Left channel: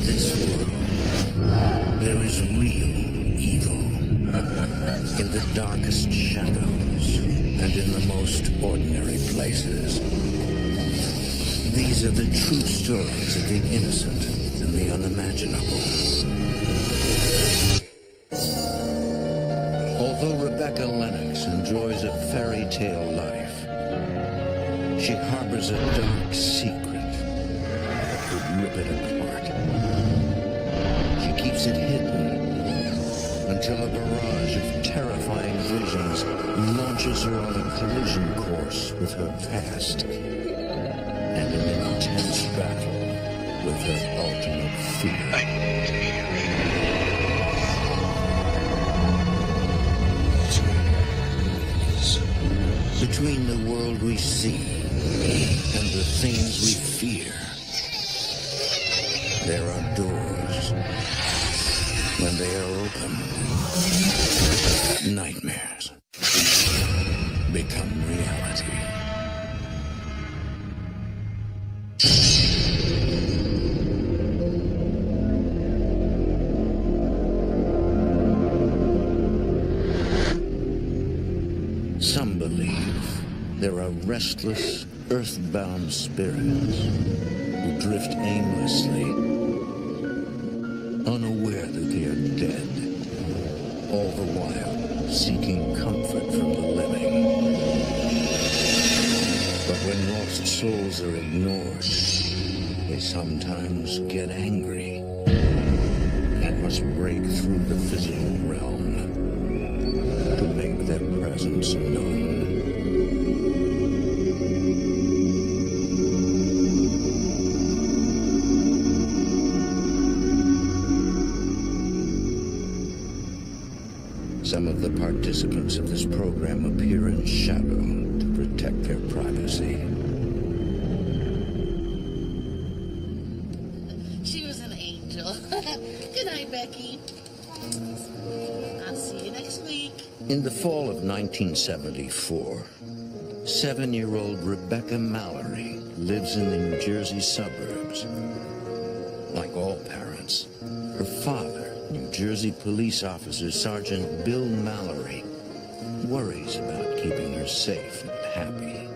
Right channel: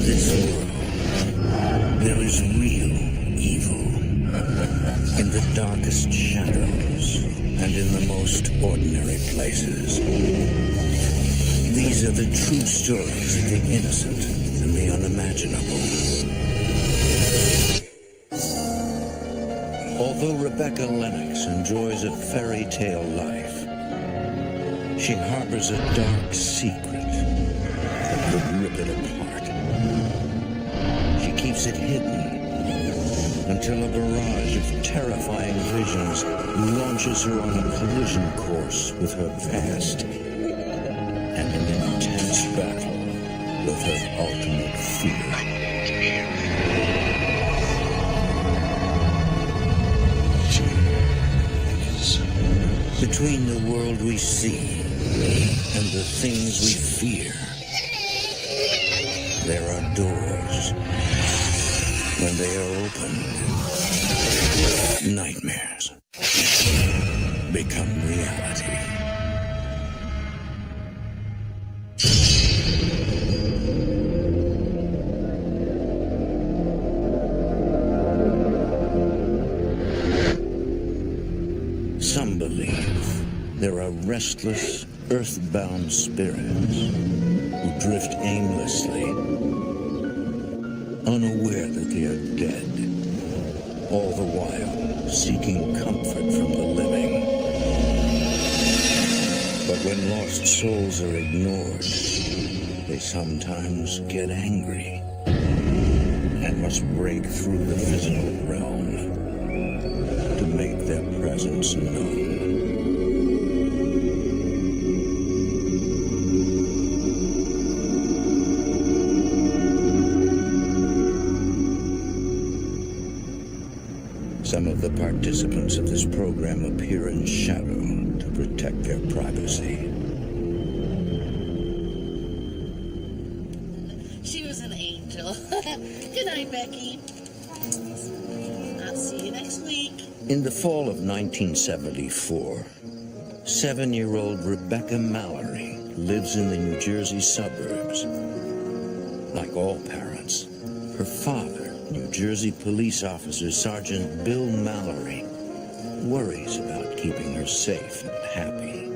this world, there is real evil. In the darkest shadows and in the most ordinary places. These are the true stories of the innocent and the unimaginable. Although Rebecca Lennox enjoys a fairy tale life, she harbors a dark secret that could rip it apart. She keeps it hidden until a barrage of terrifying visions launches her on a collision course with her past and an intense battle with her ultimate fear. Between the world we see and the things we fear, there are doors. When they are opened, nightmares become reality. Some believe there are restless, earthbound spirits who drift aimlessly, unaware that they are dead, all the while seeking comfort from the living. But when lost souls are ignored, they sometimes get angry and must break through the physical realm to make their presence known. Some of the participants of this program appear in shadow to protect their privacy. She was an angel. Good night, Becky. I'll see you next week. In the fall of 1974, 7-year-old Rebecca Mallory lives in the New Jersey suburbs. Like all parents, her father, New Jersey police officer Sergeant Bill Mallory, worries about keeping her safe and happy.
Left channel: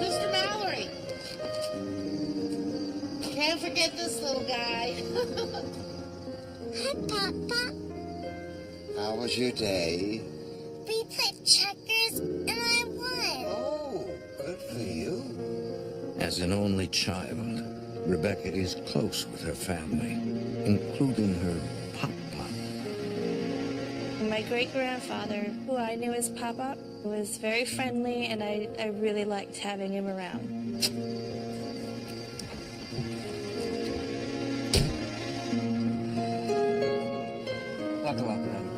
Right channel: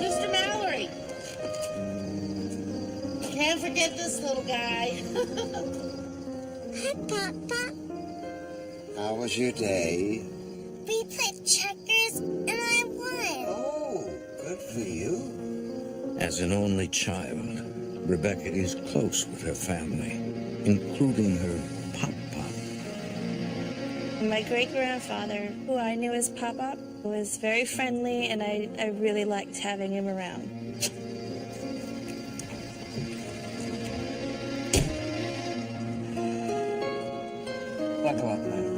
Mr. Mallory! Can't forget this little guy. Hi, Papa. How was your day? We played checkers and I won. Oh, good for you. As an only child, Rebecca is close with her family, including her Pop-Pop. My great-grandfather, who I knew as Pop-Pop, was very friendly, and I really liked having him around. Buckle up, honey.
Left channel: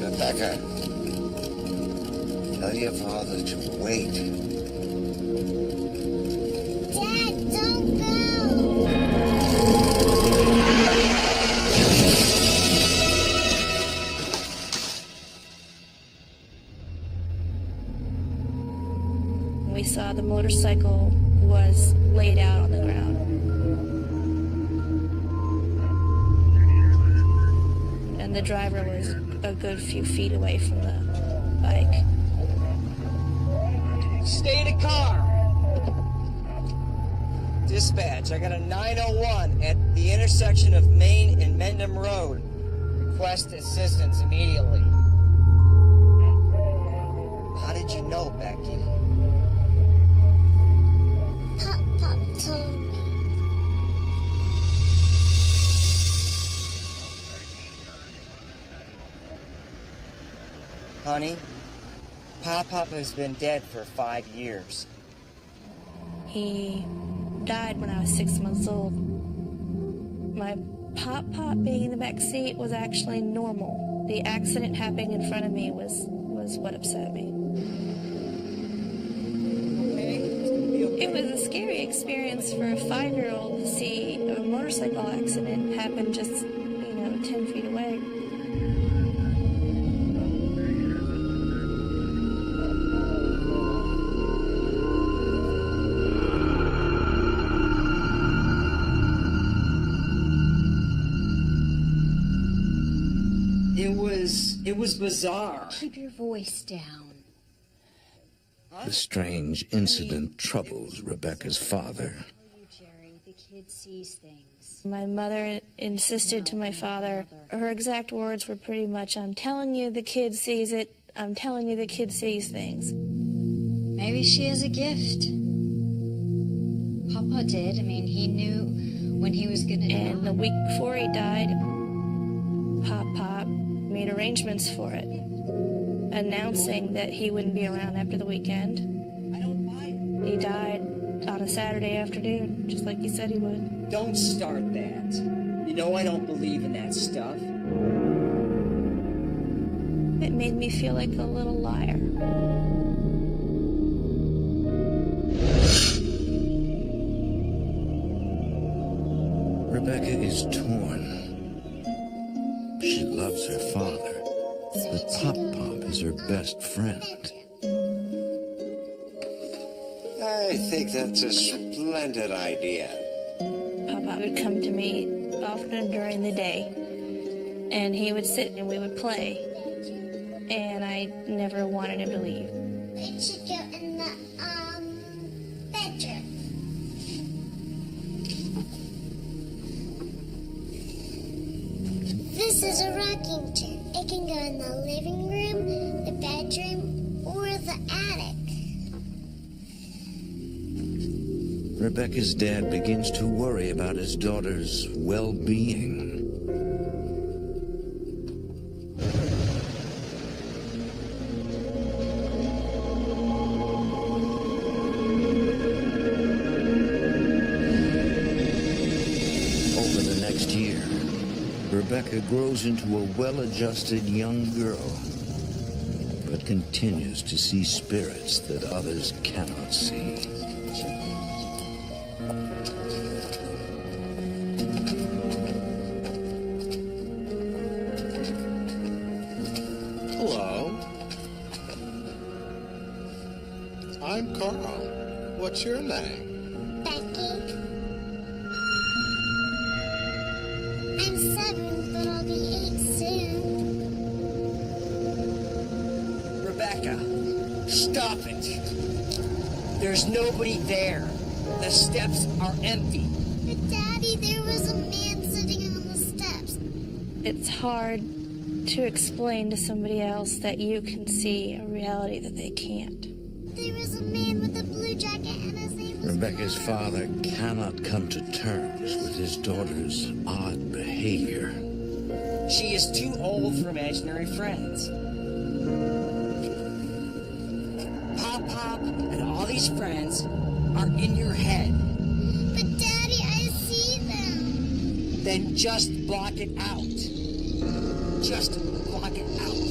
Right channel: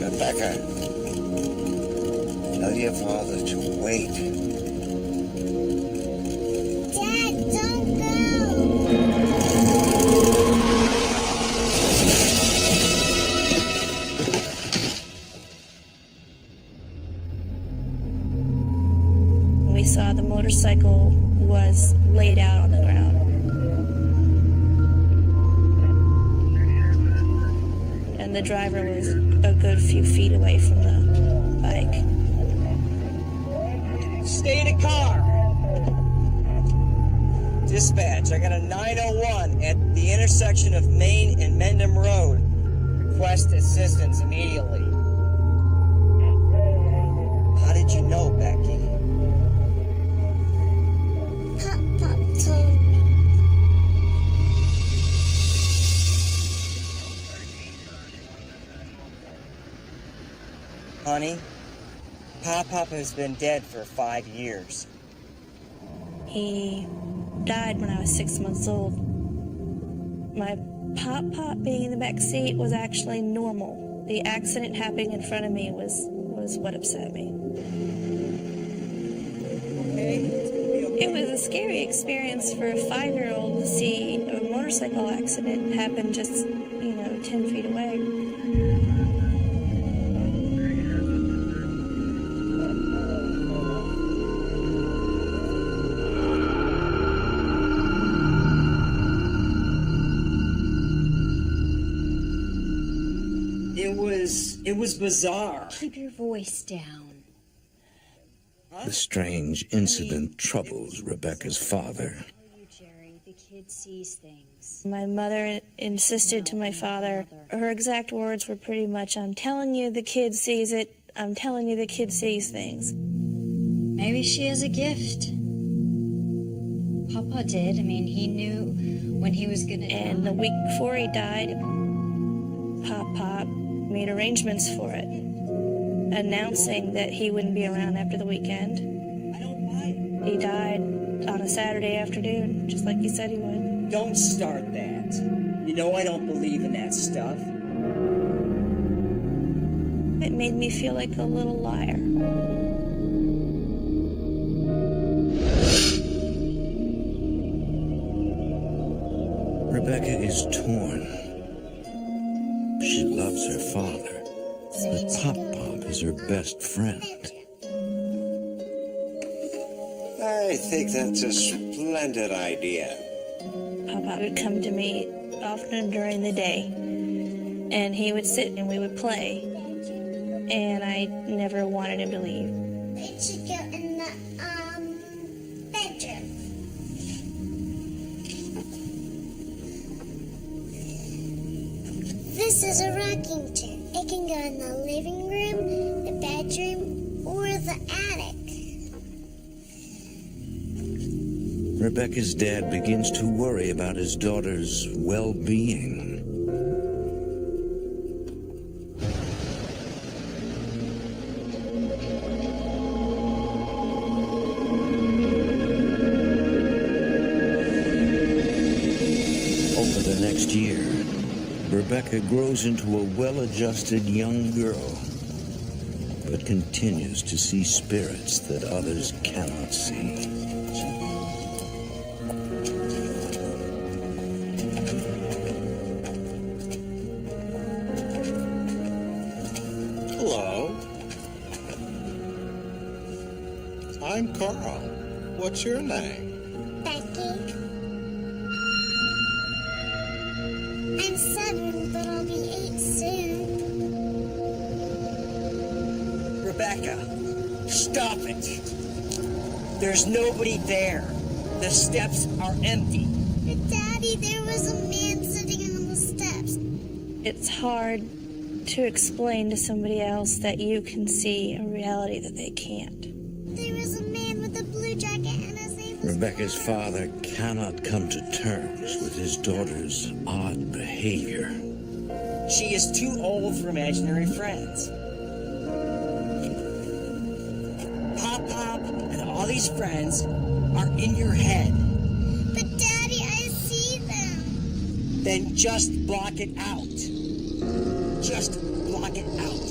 Rebecca, tell your father to wait. Dad, don't go. We saw the motorcycle was laid out on the ground. And the driver was a good few feet away from the bike. Stay in the car. Dispatch, I got a 901 at the intersection of Main and Mendham Road. Request assistance immediately. How did you know, Becky? Pop told me. Honey, Pop-Pop has been dead for 5 years. He died when I was 6 months old. My Pop-Pop being in the back seat was actually normal. The accident happening in front of me was what upset me. Okay? It's gonna be okay. It was a scary experience for a 5-year-old to see a motorcycle accident happen just, 10 feet away. It was bizarre. Keep your voice down. The strange incident troubles Rebecca's father. Tell you, Jerry, the kid sees things. My mother insisted to my father, her exact words were pretty much, "I'm telling you the kid sees it. I'm telling you the kid sees things." Maybe she has a gift. Papa did. I mean, he knew when he was gonna And die. the week before he died, Pop made arrangements for it, announcing that he wouldn't be around after the weekend. I don't buy it. He died on a Saturday afternoon, just like he said he would. Don't start that. You know I don't believe in that stuff. It made me feel like a little liar. Rebecca is torn. She loves her father, but Pop is her best friend. I think that's a splendid idea. Papa would come to me often during the day, and he would sit and we would play, and I never wanted him to leave. It should go in the bedroom. This is a rocking chair. It can go in the living room, the bedroom, or the attic. Rebecca's dad begins to worry about his daughter's well-being. Over the next year, Rebecca grows into a well-adjusted young girl, but continues to see spirits that others cannot see. Hello. I'm Carl. What's your name? Becky? I'm 7, but I'll be 8 soon. Rebecca, stop it. There's nobody there. The steps are empty. But Daddy, there was a man sitting on the steps. It's hard to explain to somebody else that you can see a reality that they can't. There was a man with a blue jacket and his name was Rebecca's father cannot come to terms with his daughter's odd behavior. She is too old for imaginary friends. Pop and all these friends are in your head. But Daddy, I see them. Then just block it out. Just block it out.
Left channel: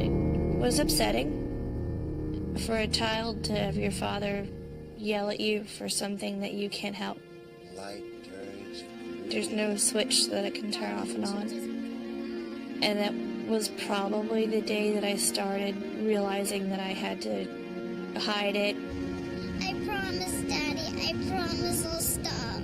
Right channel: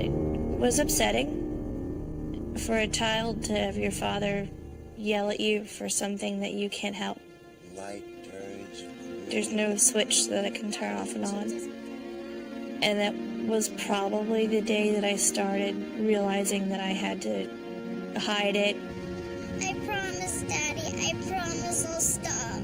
It was upsetting for a child to have your father yell at you for something that you can't help. Light turns blue. There's no switch that it can turn off and on. And that was probably the day that I started realizing that I had to hide it. I promise, Daddy. I promise I'll stop.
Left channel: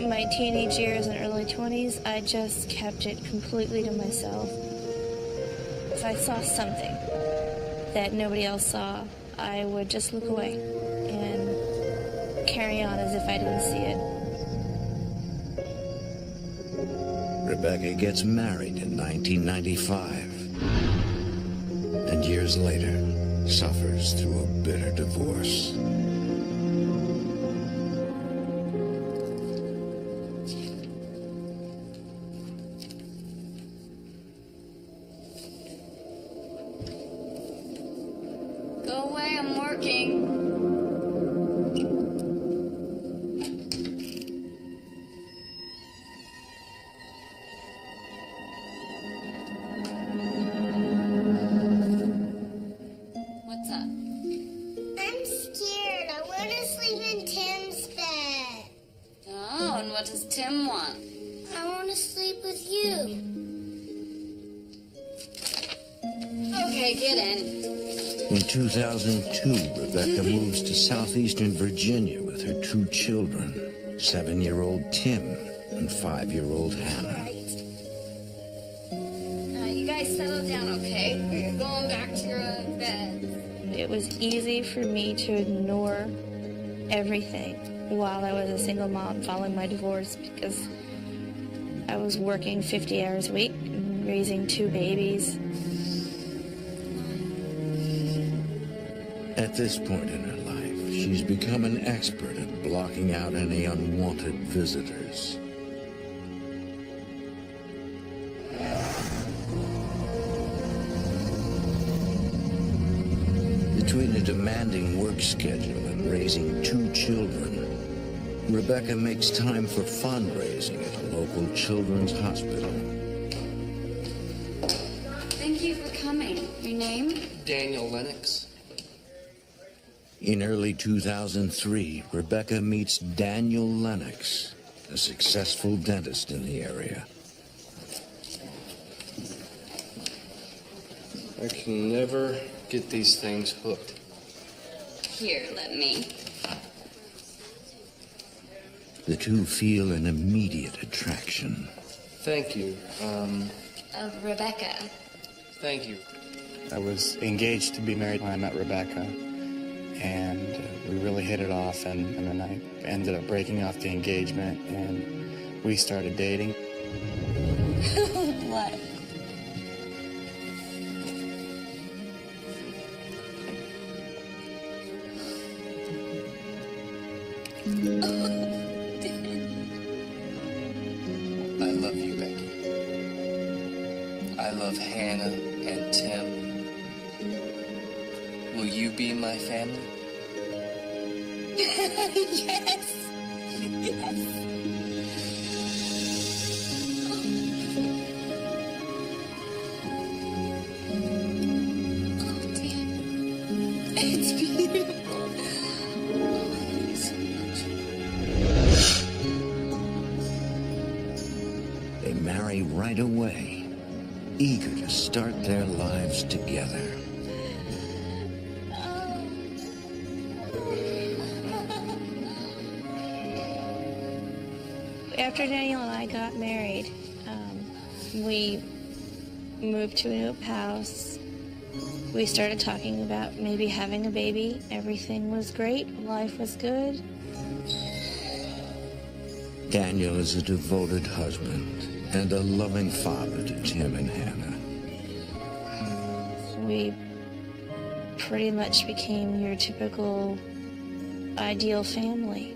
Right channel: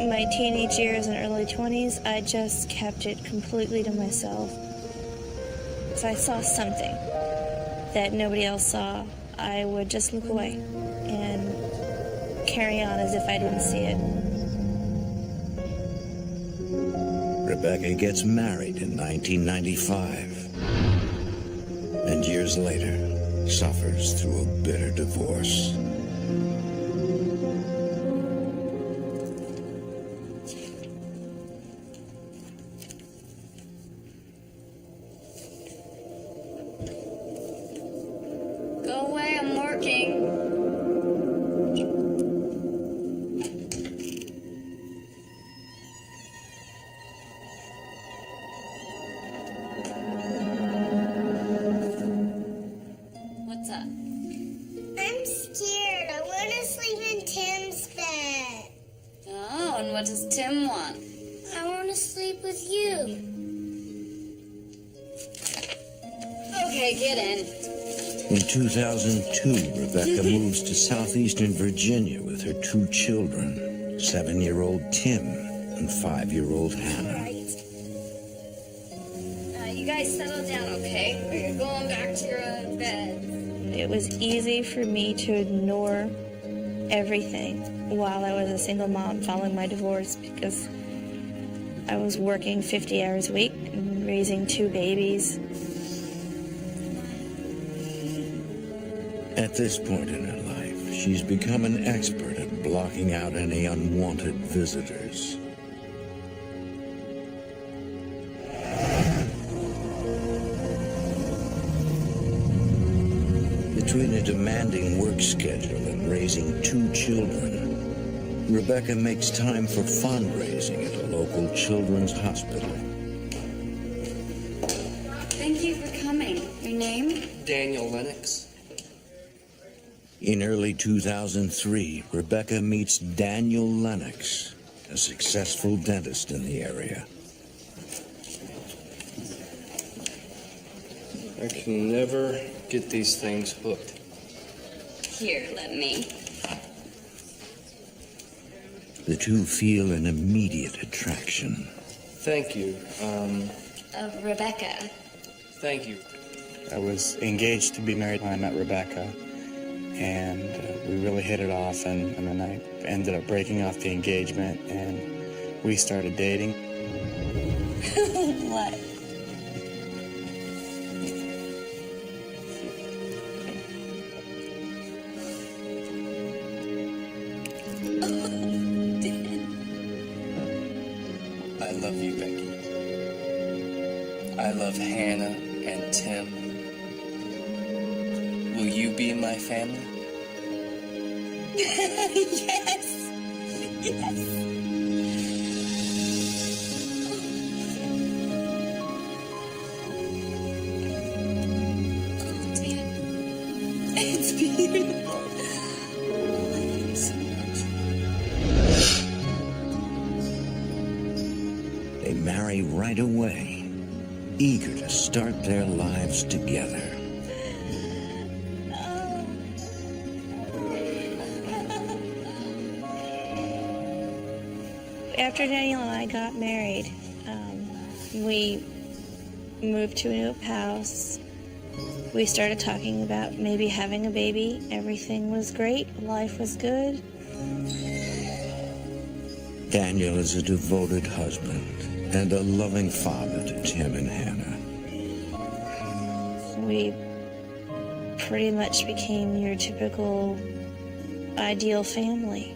My teenage years and early 20s, I just kept it completely to myself. If I saw something that nobody else saw, I would just look away. and carry on as if I didn't see it. Rebecca gets married in 1995, and years later suffers through a bitter divorce. Go away, I'm working. What's up? I'm scared. I want to sleep in Tim's bed. Oh, and what does Tim want? I want to sleep with you. Okay, get in. In 2002, Rebecca moves to southeastern Virginia with her 2 children, 7-year-old Tim and 5-year-old Hannah. You guys settle down, okay? Or you're going back to your own bed. It was easy for me to ignore everything while I was a single mom following my divorce because I was working 50 hours a week and raising 2 babies. At this point in her life, she's become an expert at blocking out any unwanted visitors. Between a demanding work schedule and raising 2 children, Rebecca makes time for fundraising at a local children's hospital. Thank you for coming. Your name? Daniel Lennox. In early 2003, Rebecca meets Daniel Lennox, a successful dentist in the area. I can never get these things hooked. Here, let me. The two feel an immediate attraction. Thank you. Rebecca. Thank you. I was engaged to be married when I met Rebecca, and we really hit it off, and then I ended up breaking off the engagement, and we started dating. What? I love you, Becky. I love Hannah and Tim. Will you be my family? Yes. Yes. Oh, Tim. It's beautiful. Oh, I love you so much. They marry right away, eager to start their lives together. After Daniel and I got married, we moved to a new house. We started talking about maybe having a baby. Everything was great. Life was good. Daniel is a devoted husband and a loving father to Tim and Hannah. We pretty much became your typical ideal family.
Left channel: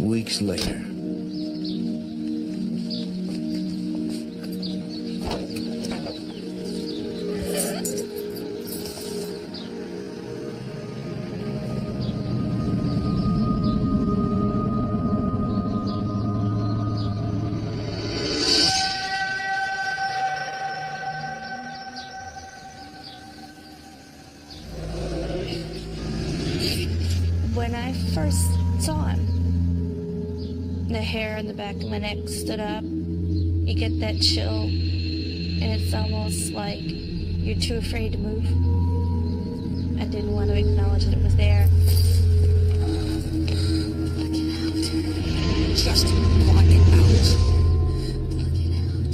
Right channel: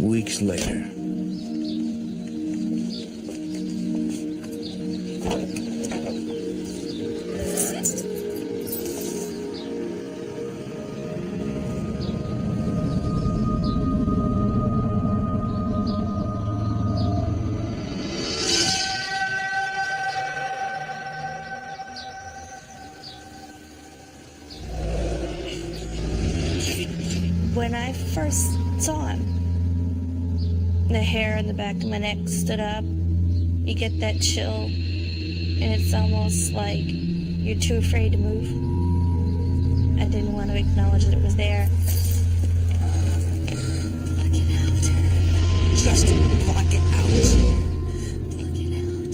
Weeks later, when I first saw him, the hair on the back of my neck stood up. You get that chill, and it's almost like you're too afraid to move. I didn't want to acknowledge that it was there. Block it out. just block it out. Block it out.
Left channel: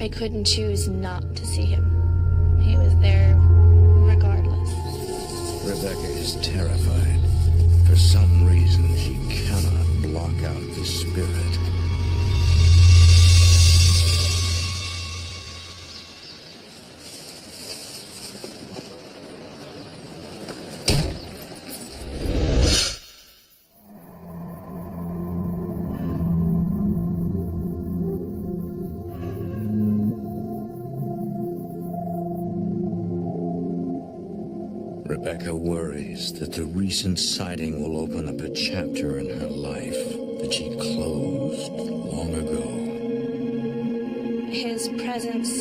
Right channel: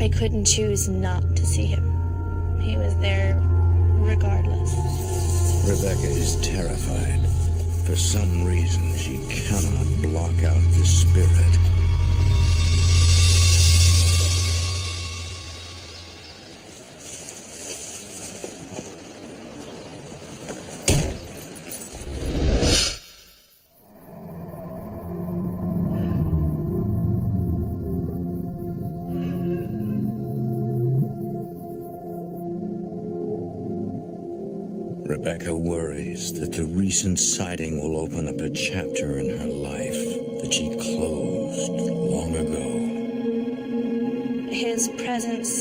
I couldn't choose not to see him. He was there regardless. Rebecca is terrified. For some reason, she cannot block out the spirit. Rebecca worries that the recent sighting will open up a chapter in her life that she closed long ago. His presence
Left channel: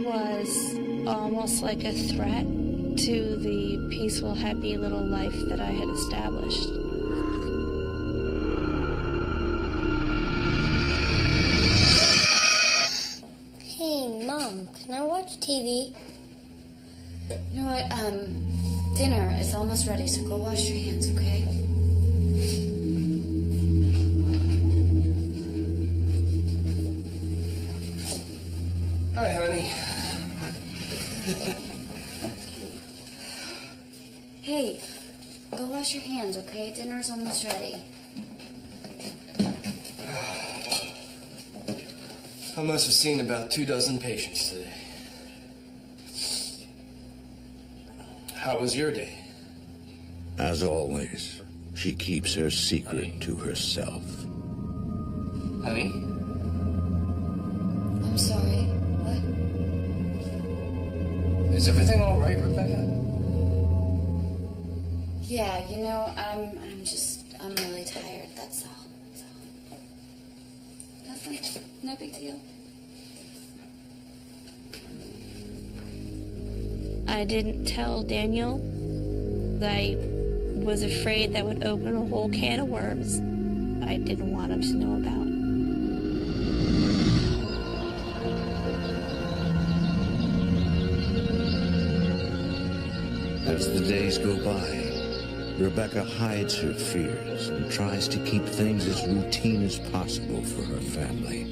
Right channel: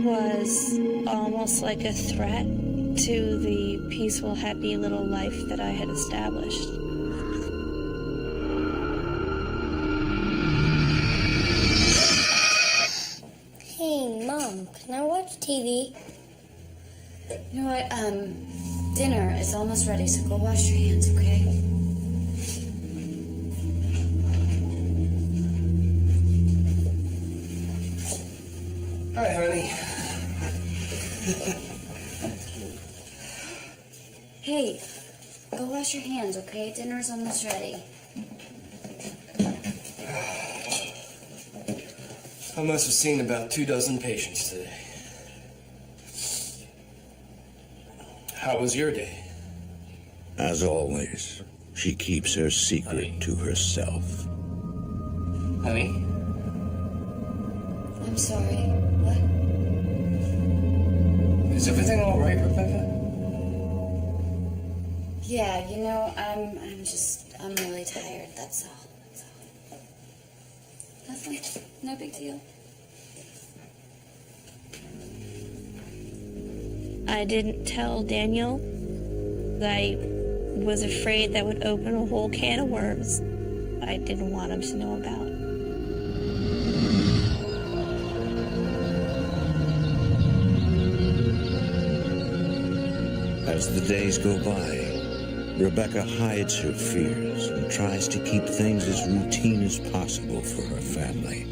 was almost like a threat to the peaceful, happy little life that I had established. Hey, Mom, can I watch TV? You know what? Dinner is almost ready, so go wash your hands, okay? Hi, honey. Hey, go wash your hands, okay? Dinner's almost ready. I must have seen about 24 patients today. How was your day? As always, she keeps her secret to herself. Honey? I'm sorry. What? Is everything all right, Rebecca? Yeah, you know, I'm really tired, that's all. Nothing? No big deal? I didn't tell Daniel that I was afraid that would open a whole can of worms I didn't want him to know about. As the days go by, Rebecca hides her fears and tries to keep things as routine as possible for her family.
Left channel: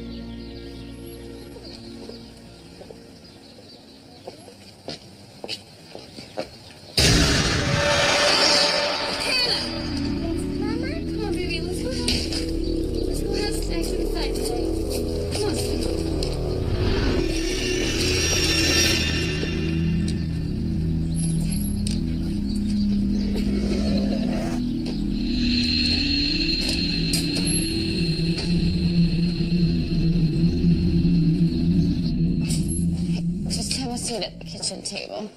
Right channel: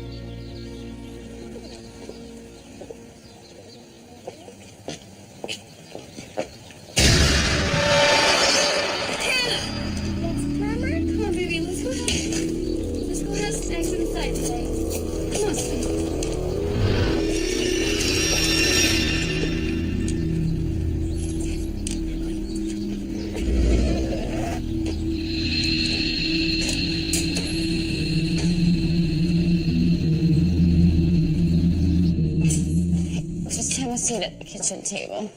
Come on, baby, let's go have snacks inside today. Come on, sweetie. Just have a seat at the kitchen table.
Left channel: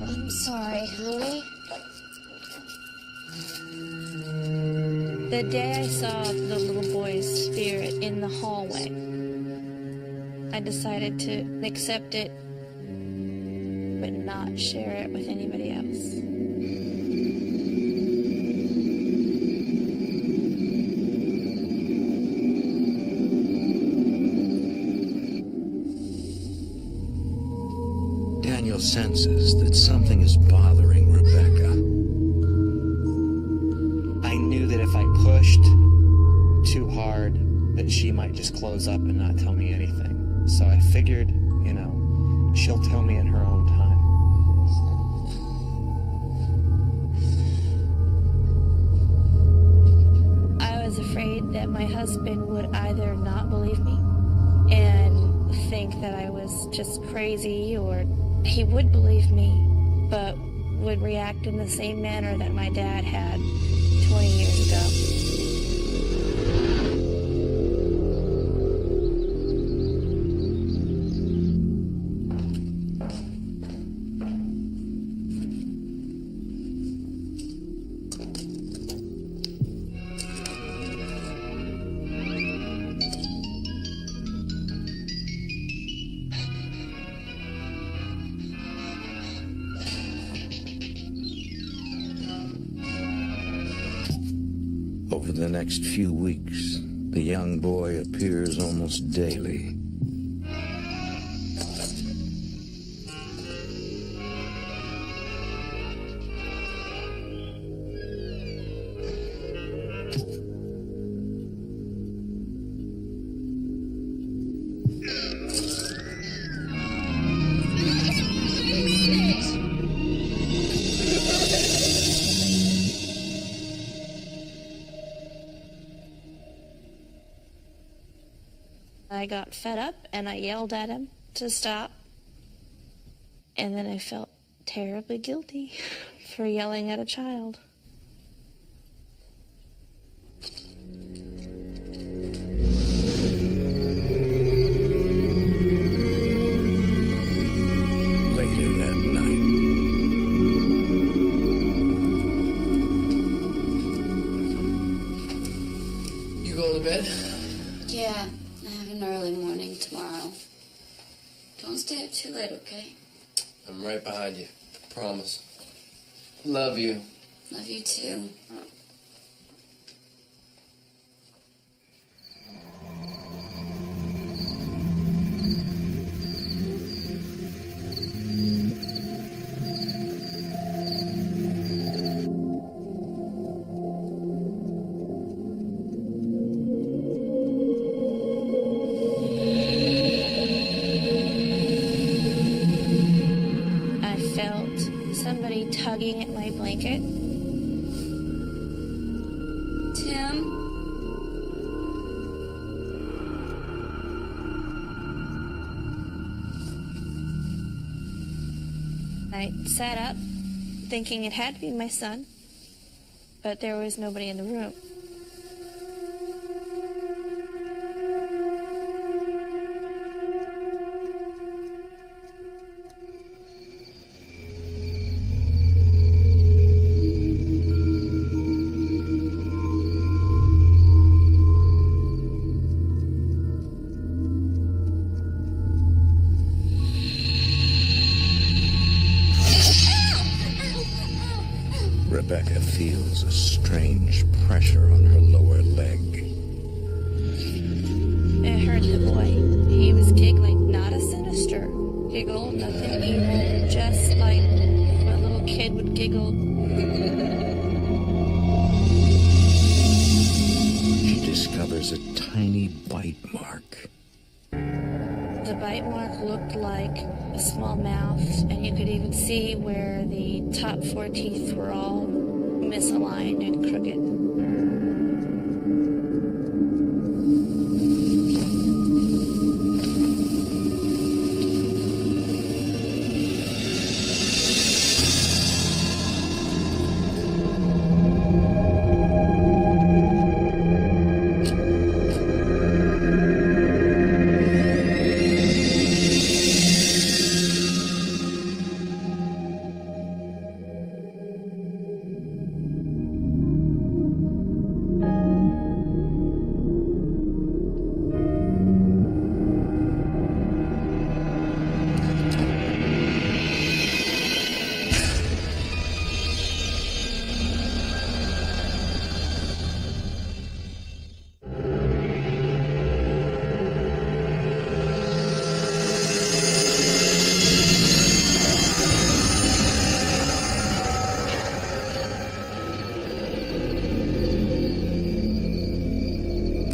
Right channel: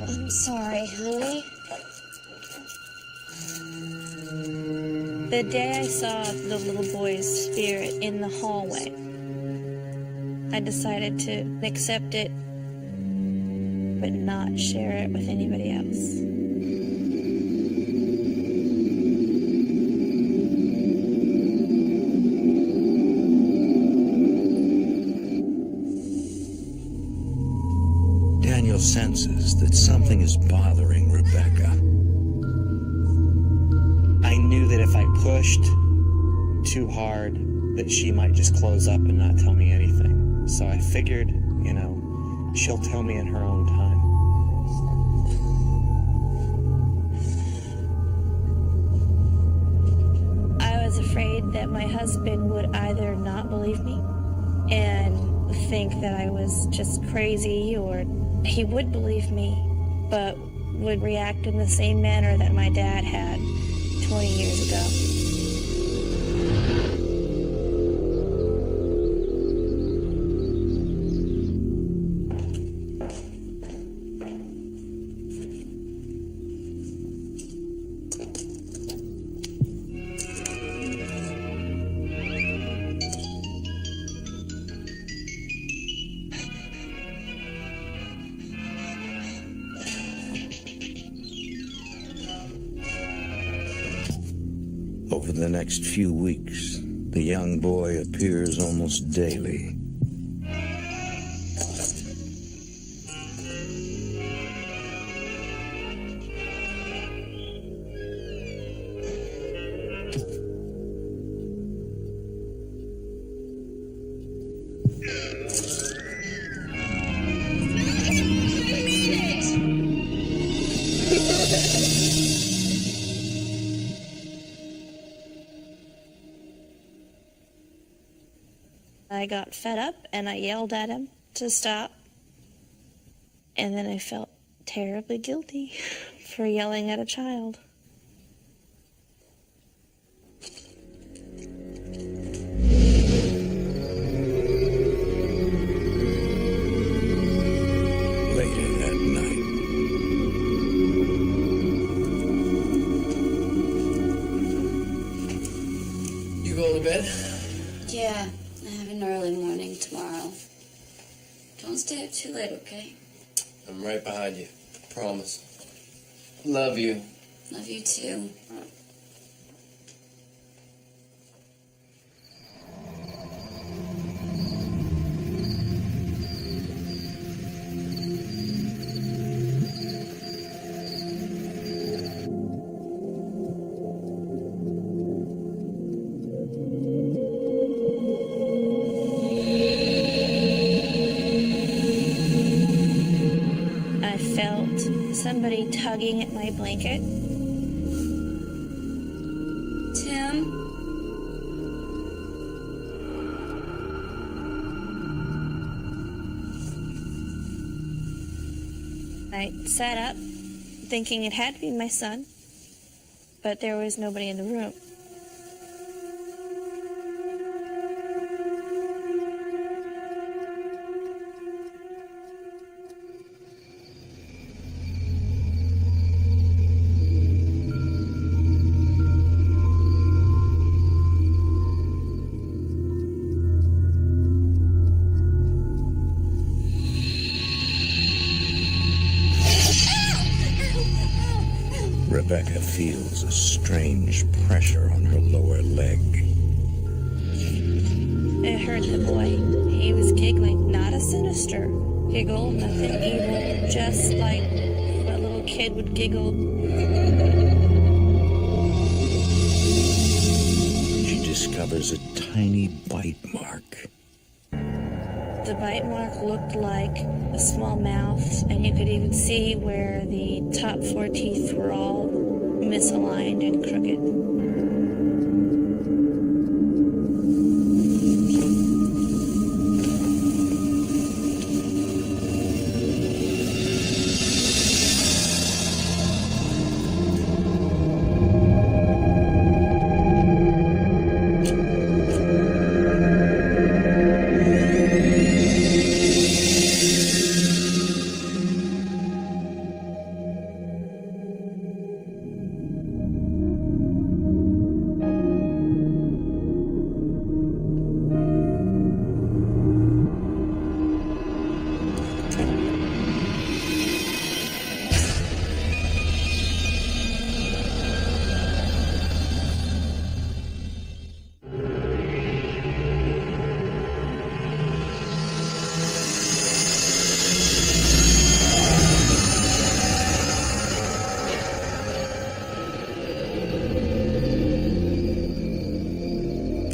I'm sorry, honey. The day I saw the little boy's spirit in the hallway, I decided to accept it, but not share it with anybody else. Gabriel senses that something is bothering Rebecca. I knew that if I pushed too hard, that she might just close up and not tell me anything. So I figured, she'll tell me in her own time. I was afraid that my husband would either not believe me and think that I was just crazy, or he would believe me, but would react in the same manner that my dad had 20 years ago. Over the next few weeks, the young boy appears almost daily. I got fed up and I yelled at him to stop. And then I felt terribly guilty for yelling at a child. Later that night, You going to bed? Yeah, I have an early morning tomorrow. Don't stay up too late, okay? I'm right behind you. Promise. Love you. Love you too. I felt somebody tugging at my blanket. Tim? I sat up, thinking it had to be my son, but there was nobody in the room. Rebecca feels a strange pressure on her lower leg. It hurt the boy. He was giggling, not a sinister giggle, nothing evil, just like a little kid would giggle. She discovers a tiny bite mark. The bite mark looked like a small mouth, and you could even see where the top 4 teeth were all misaligned and crooked.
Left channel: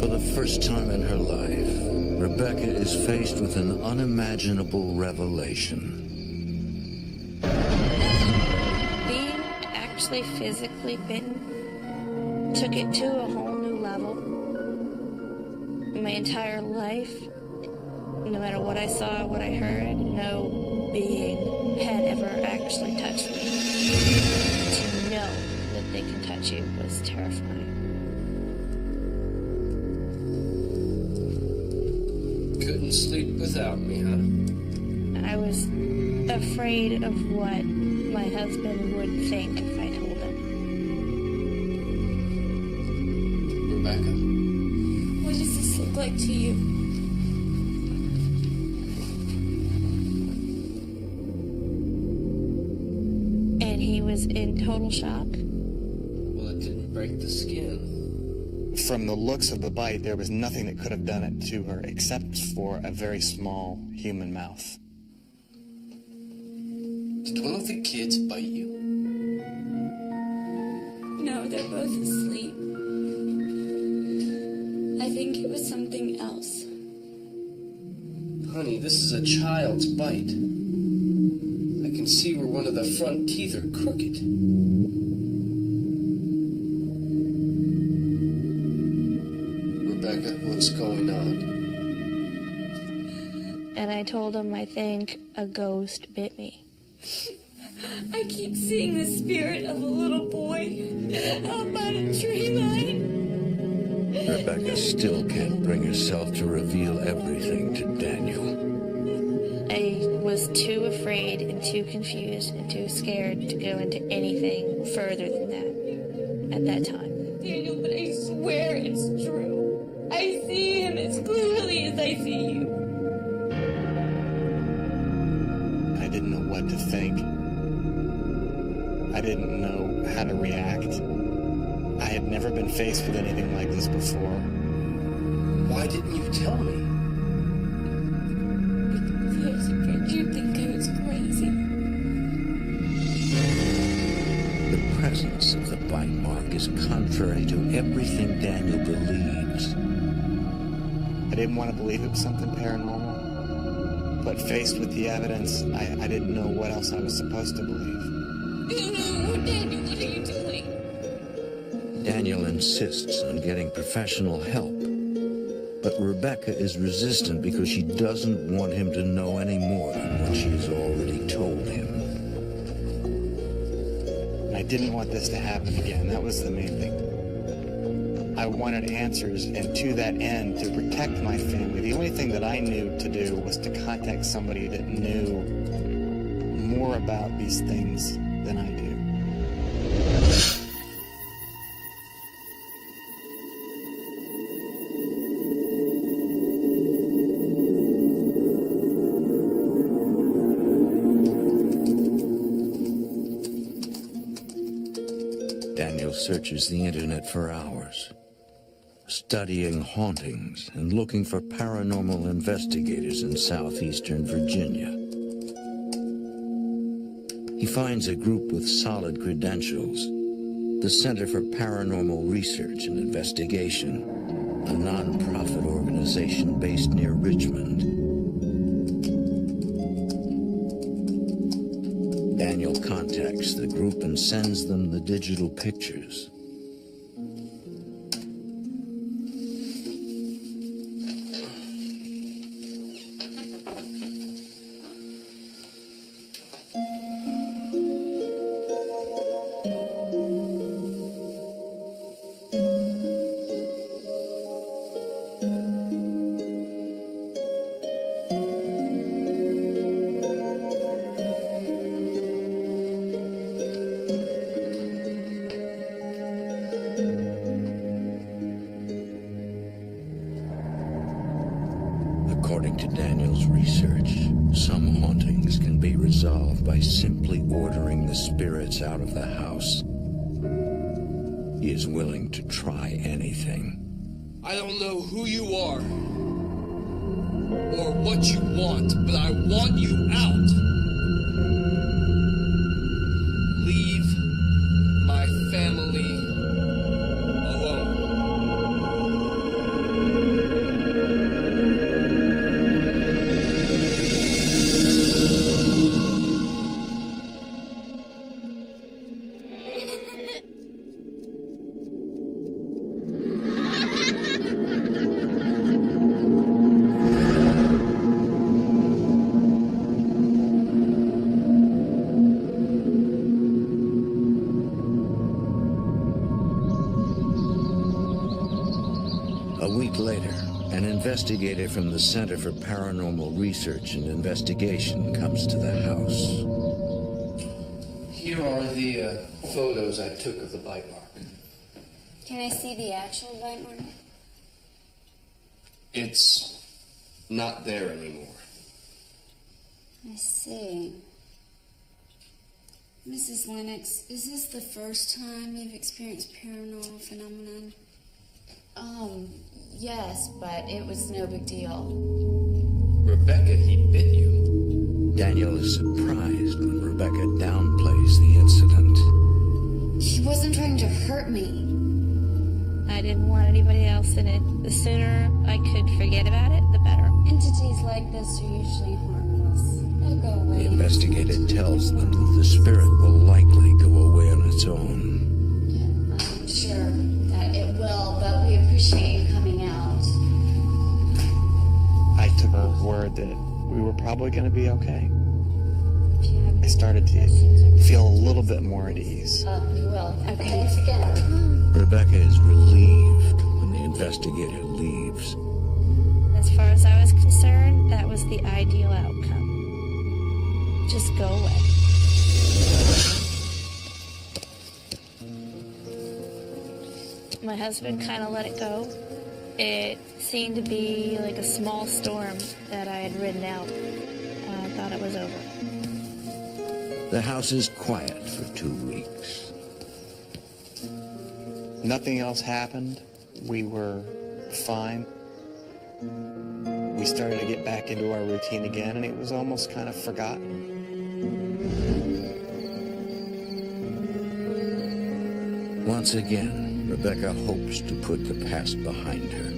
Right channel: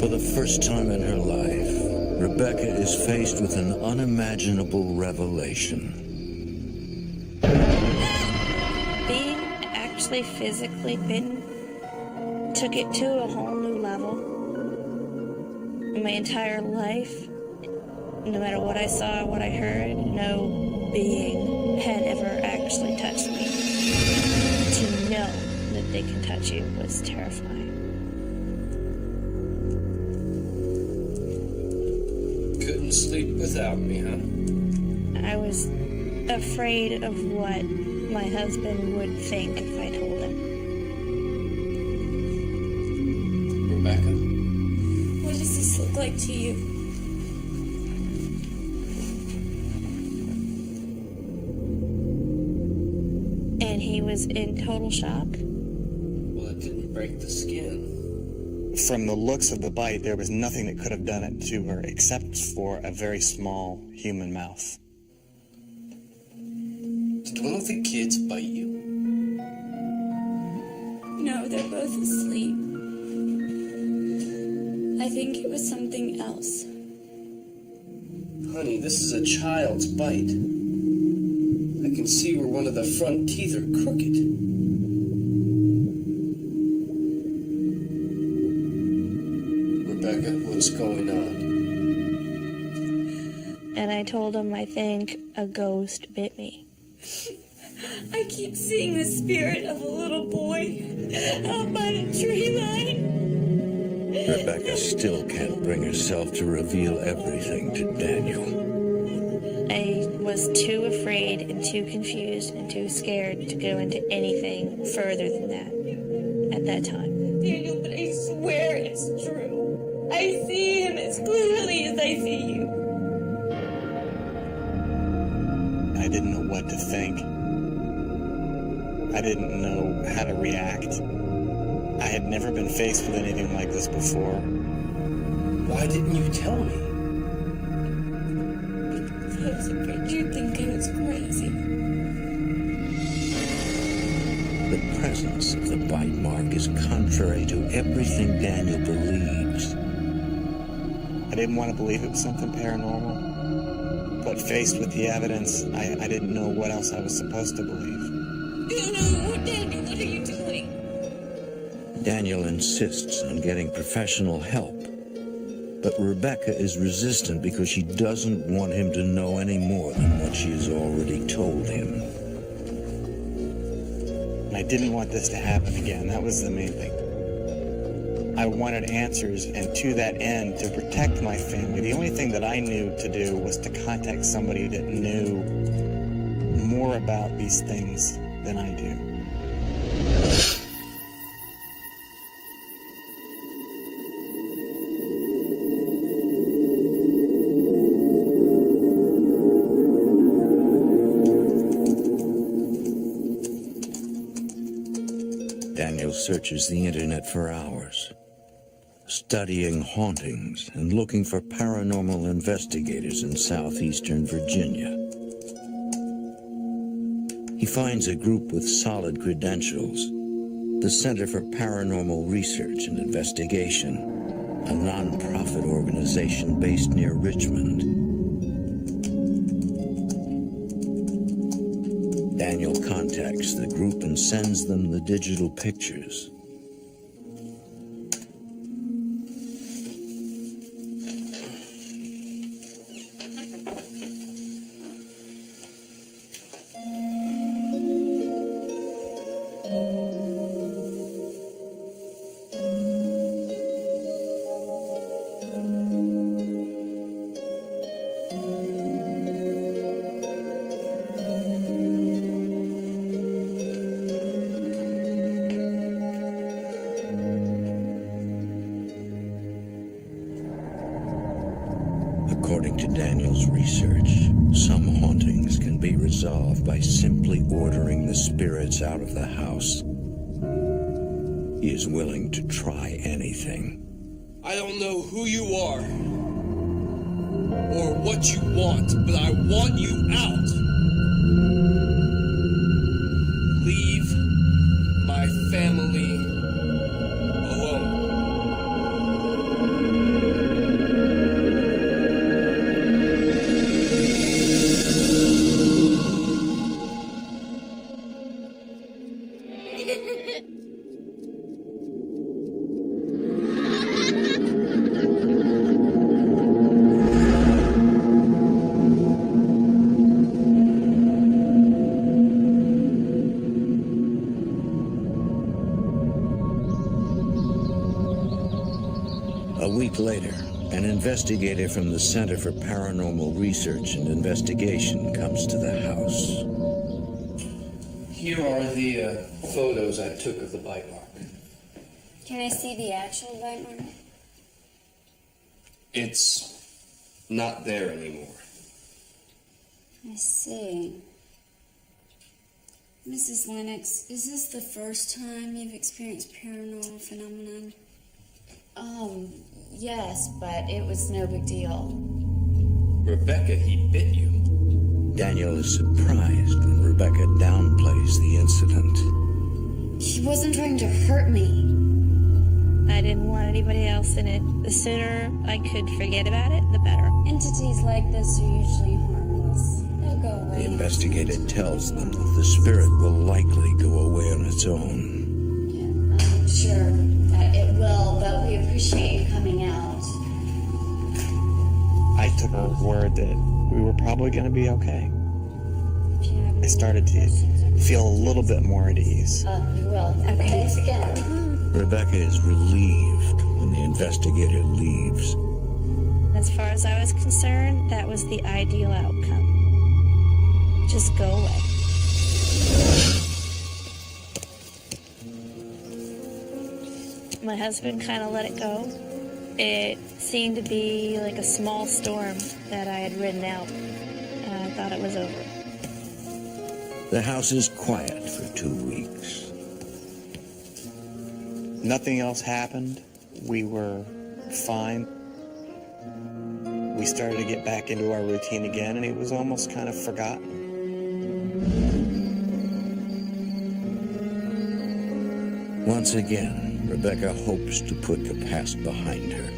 For the first time in her life, Rebecca is faced with an unimaginable revelation. Being actually physically bitten took it to a whole new level. My entire life, no matter what I saw, what I heard, no being had ever actually touched me. To know that they can touch you was terrifying. Couldn't sleep without me, huh? I was afraid of what my husband would think if I told him. Rebecca? What does this look like to you? And he was in total shock. Well, it didn't break the skin. From the looks of the bite, there was nothing that could have done it to her except for a very small human mouth. Did one of the kids bite you? No, they're both asleep. I think it was something else. Honey, this is a child's bite. I can see where one of the front teeth are crooked. Rebecca, what's going on? And I told him I think a ghost bit me. I keep seeing the spirit of a little boy out by the tree line. Rebecca still can't bring herself to reveal everything to Daniel. I was too afraid and too confused and too scared to go into anything further than that at that time. Daniel, but I swear it's true. I see him as clearly as I see you. I didn't know what to think. I didn't know how to react. I had never been faced with anything like this before. Why didn't you tell me? Because I was afraid you'd think I was crazy. The presence of the bite mark is contrary to everything Daniel believes. I didn't want to believe it was something paranormal, but faced with the evidence, I didn't know what else I was supposed to believe. No, Daniel, what are you doing? Daniel insists on getting professional help, but Rebecca is resistant because she doesn't want him to know any more than what she has already told him. And I didn't want this to happen again. That was the main thing. I wanted answers, and to that end, to protect my family, the only thing that I knew to do was to contact somebody that knew more about these things than I do. Daniel searches the internet for hours, studying hauntings and looking for paranormal investigators in southeastern Virginia. He finds a group with solid credentials, the Center for Paranormal Research and Investigation, a non-profit organization based near Richmond. Daniel contacts the group and sends them the digital pictures. According to Daniel's research, some hauntings can be resolved by simply ordering the spirits out of the house. He is willing to try anything. I don't know who you are or what you want, but I want you out. Leave my family alone. A week later, an investigator from the Center for Paranormal Research and Investigation comes to the house. Here are the photos I took of the bite mark. Can I see the actual bite mark? It's not there anymore. I see. Mrs. Lennox, is this the first time you've experienced paranormal phenomenon? Yes, but it was no big deal. Rebecca, he bit you. Daniel is surprised when Rebecca downplays the incident. She wasn't trying to hurt me. I didn't want anybody else in it. The sooner I could forget about it, the better. Entities like this are usually harmless. They'll go away. The investigator tells them that the spirit will likely go away on its own. Yeah, I'm sure that it will, but we appreciate you coming out. I took her word that we were probably going to be okay. If you have I started to feel a little bit more at ease. Oh, you will. Okay. Thanks again. Rebecca is relieved when the investigator leaves. As far as I was concerned, that was the ideal outcome. Just go away. My husband kind of let it go. It seemed to be like a small storm that I had ridden out. I thought it was over. The house is quiet for 2 weeks. Nothing else happened. We were fine. We started to get back into our routine again, and it was almost kind of forgotten. Once again, Rebecca hopes to put the past behind her.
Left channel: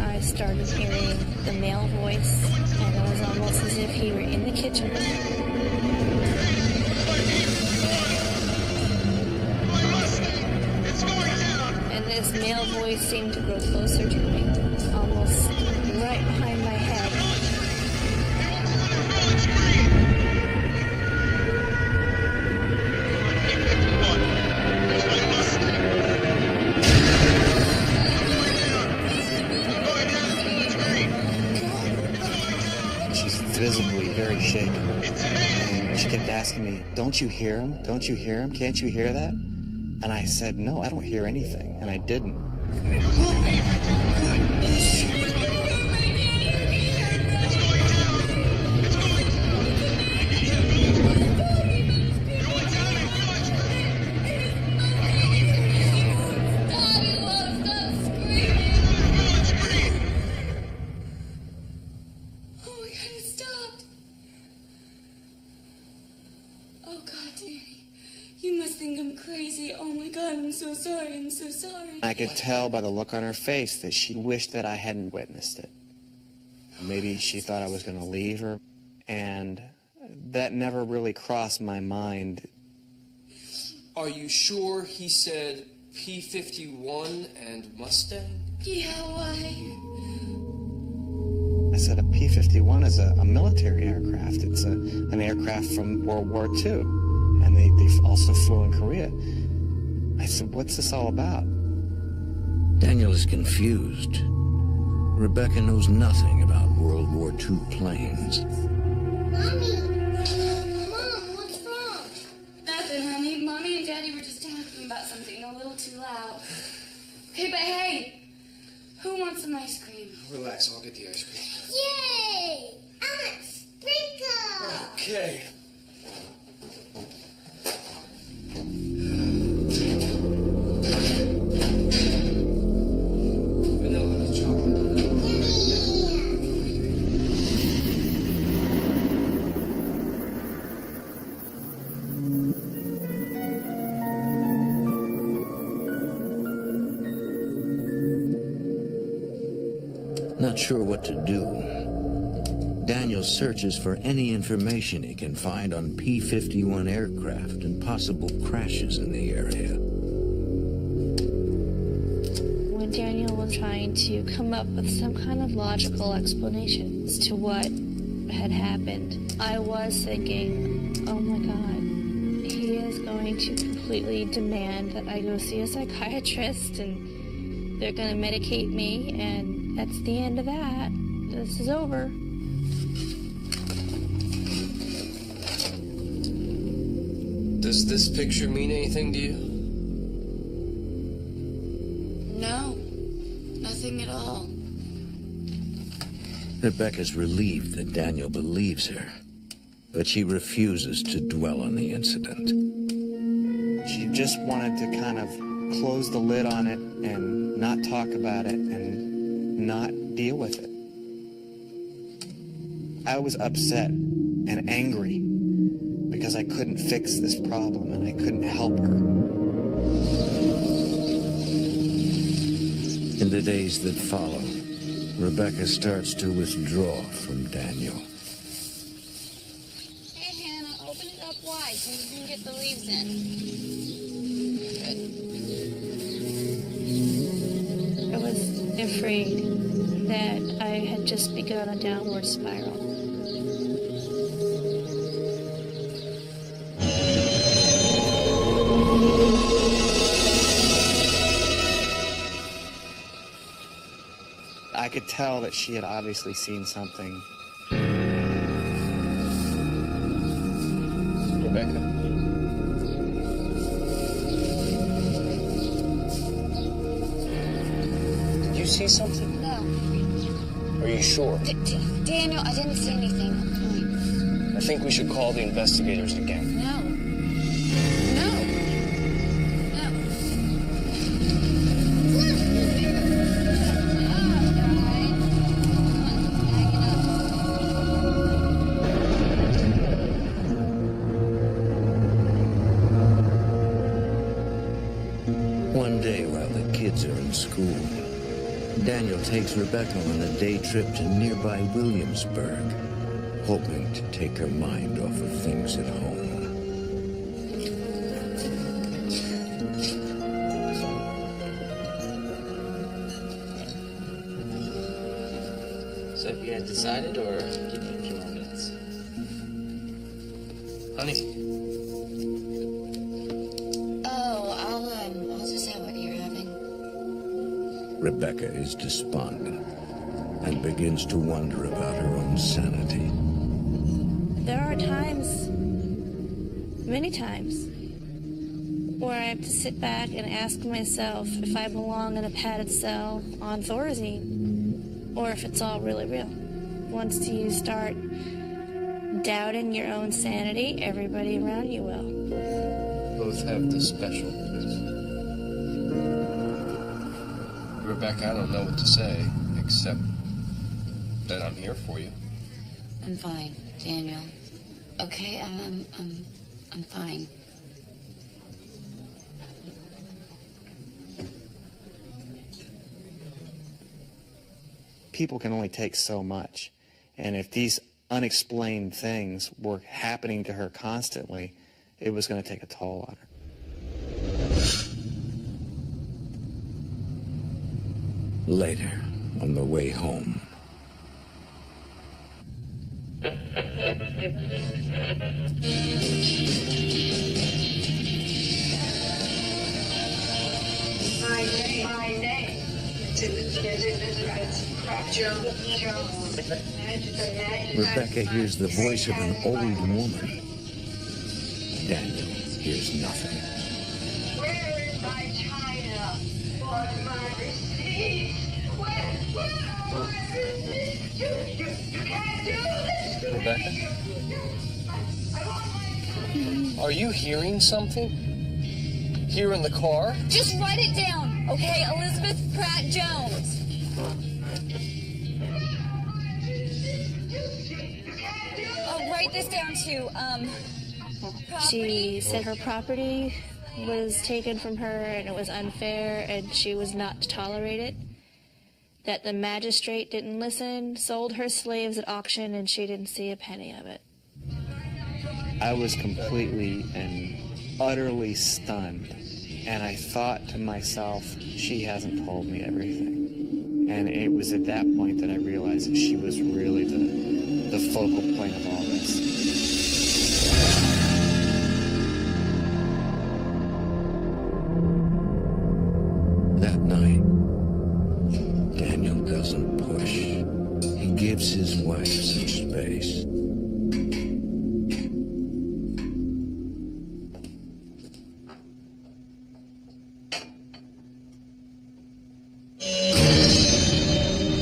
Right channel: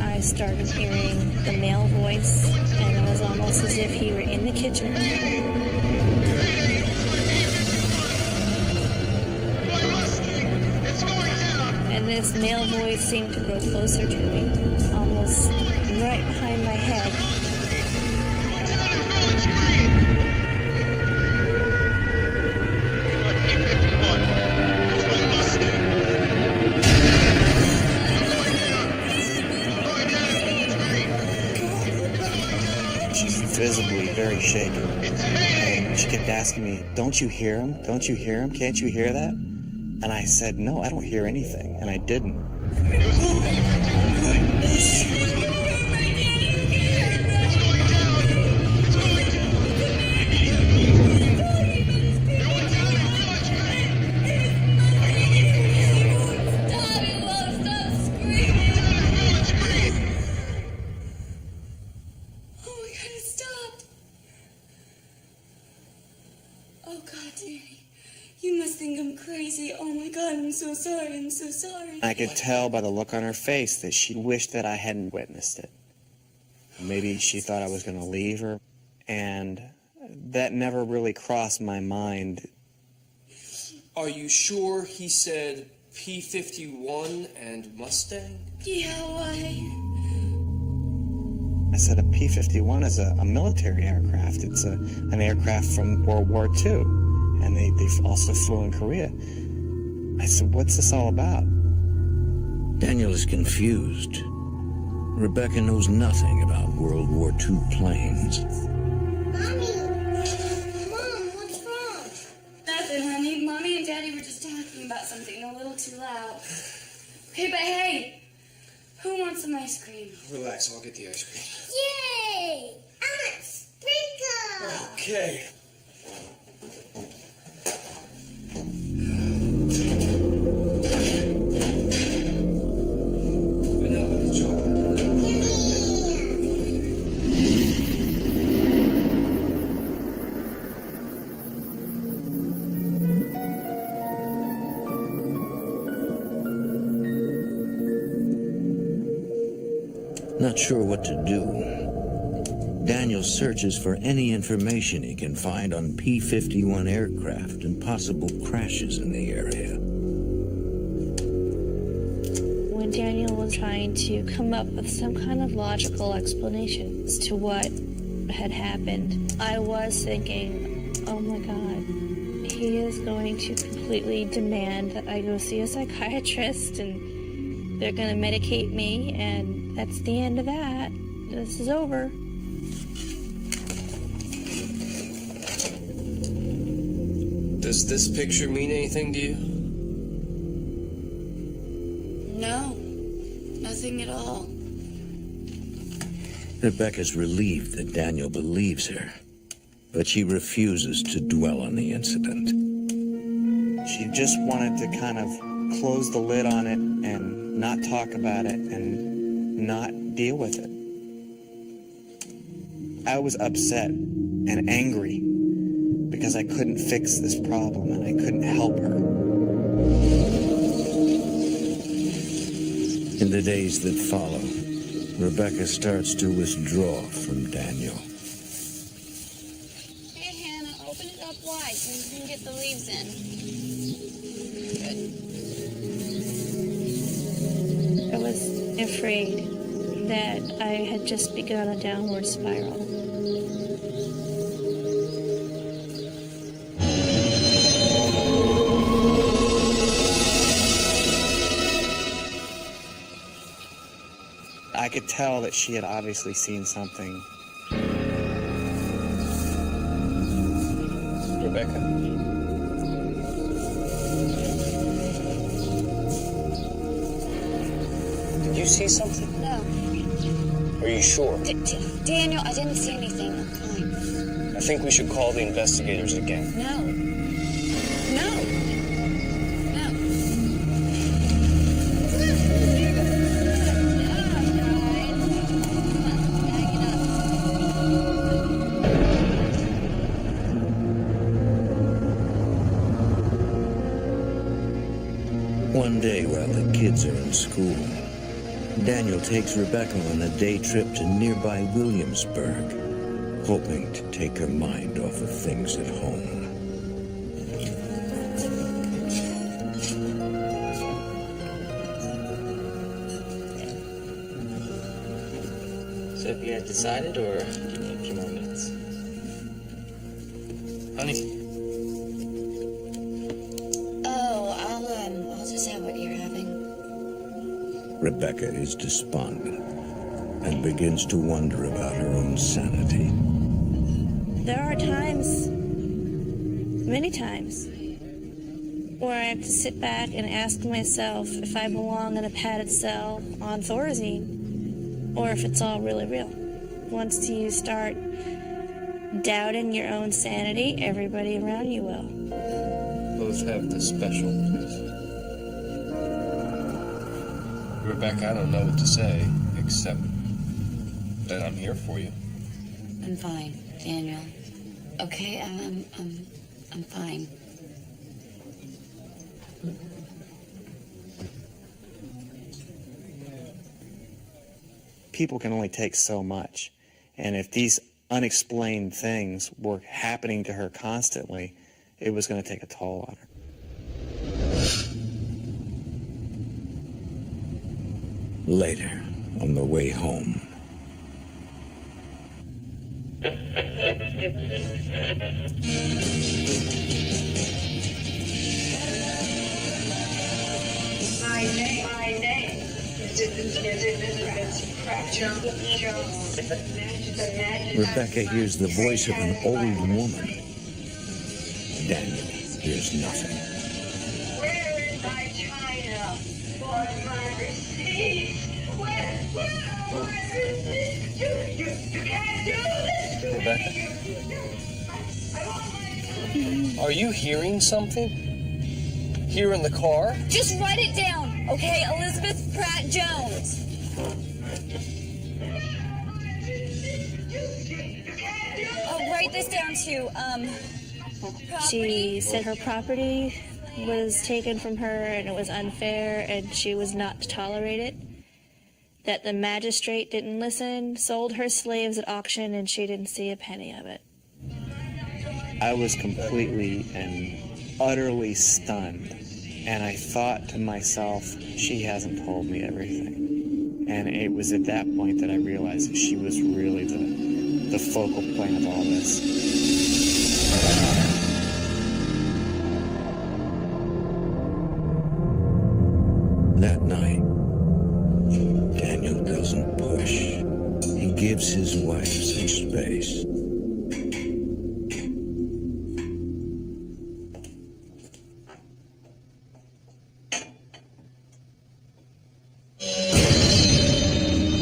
I started hearing the male voice, and it was almost as if he were in the kitchen. And this male voice seemed to grow closer to me, almost right behind my head. She's visibly very shaken. And she kept asking me, "Don't you hear him? Don't you hear him? Can't you hear that?" And I said, "No, I don't hear anything." And I didn't. so sorry, I'm so sorry. I could tell by the look on her face that she wished that I hadn't witnessed it. Maybe she thought I was going to leave her, and that never really crossed my mind. Are you sure he said P-51 and Mustang? Yeah, why? I said a P-51 is a military aircraft. It's an aircraft from World War II, and they also flew in Korea. I said, what's this all about? Daniel is confused. Rebecca knows nothing about World War II planes. Mommy! Mom, loud. Okay, but hey, who wants some ice cream? Relax, I'll get the ice cream. Yay! I want sprinkles! Okay. Vanilla chocolate. Not sure what to do, Daniel searches for any information he can find on P-51 aircraft and possible crashes in the area. When Daniel was trying to come up with some kind of logical explanation as to what had happened, I was thinking, oh my God, he is going to completely demand that I go see a psychiatrist and they're going to medicate me, and that's the end of that. This is over. Does this picture mean anything to you? No, nothing at all. Rebecca's relieved that Daniel believes her, but she refuses to dwell on the incident. She just wanted to kind of close the lid on it and not talk about it and not deal with it. I was upset and angry because I couldn't fix this problem and I couldn't help her. In the days that follow, Rebecca starts to withdraw from Daniel. Hey, Hannah, open it up wide so you can get the leaves in. Good. I was afraid that I had just begun a downward spiral. I could tell that she had obviously seen something. Rebecca? Did you see something? No. Are you sure? Daniel, I didn't see anything. I'm fine. I think we should call the investigators again. No. No. No. Look, we did it! Good job, guys. Come on, let's bag it up. One day while the kids are in school, Daniel takes Rebecca on a day trip to nearby Williamsburg, hoping to take her mind off of things at home. So have you decided, or give me a few more minutes? Honey? Oh, I'll just have what you're having. Rebecca is despondent and begins to wonder about her own sanity. There are times, many times, where I have to sit back and ask myself if I belong in a padded cell on Thorazine, or if it's all really real. Once you start doubting your own sanity, everybody around you will. Both have the special, please. Rebecca, I don't know what to say, except that I'm here for you. I'm fine, Daniel. Okay, I'm fine. People can only take so much. And if these unexplained things were happening to her constantly, it was going to take a toll on her. Later, on the way home, My name is Elizabeth Jones. Rebecca hears the voice of an old woman. Daniel hears nothing. Where is my china? want my receipts. Where are my receipts? You can't do this to Rebecca? me. I want my... Are you hearing something? Here in the car? Just write it down, okay? Elizabeth Pratt Jones. Oh, write this down too. She said her property was taken from her and it was unfair and she was not to tolerate it. That the magistrate didn't listen, sold her slaves at auction, and she didn't see a penny of it. I was completely and utterly stunned. And I thought to myself, she hasn't told me everything. And it was at that point that I realized that she was really the focal point of all this. That night, Daniel doesn't push. He gives his wife some space.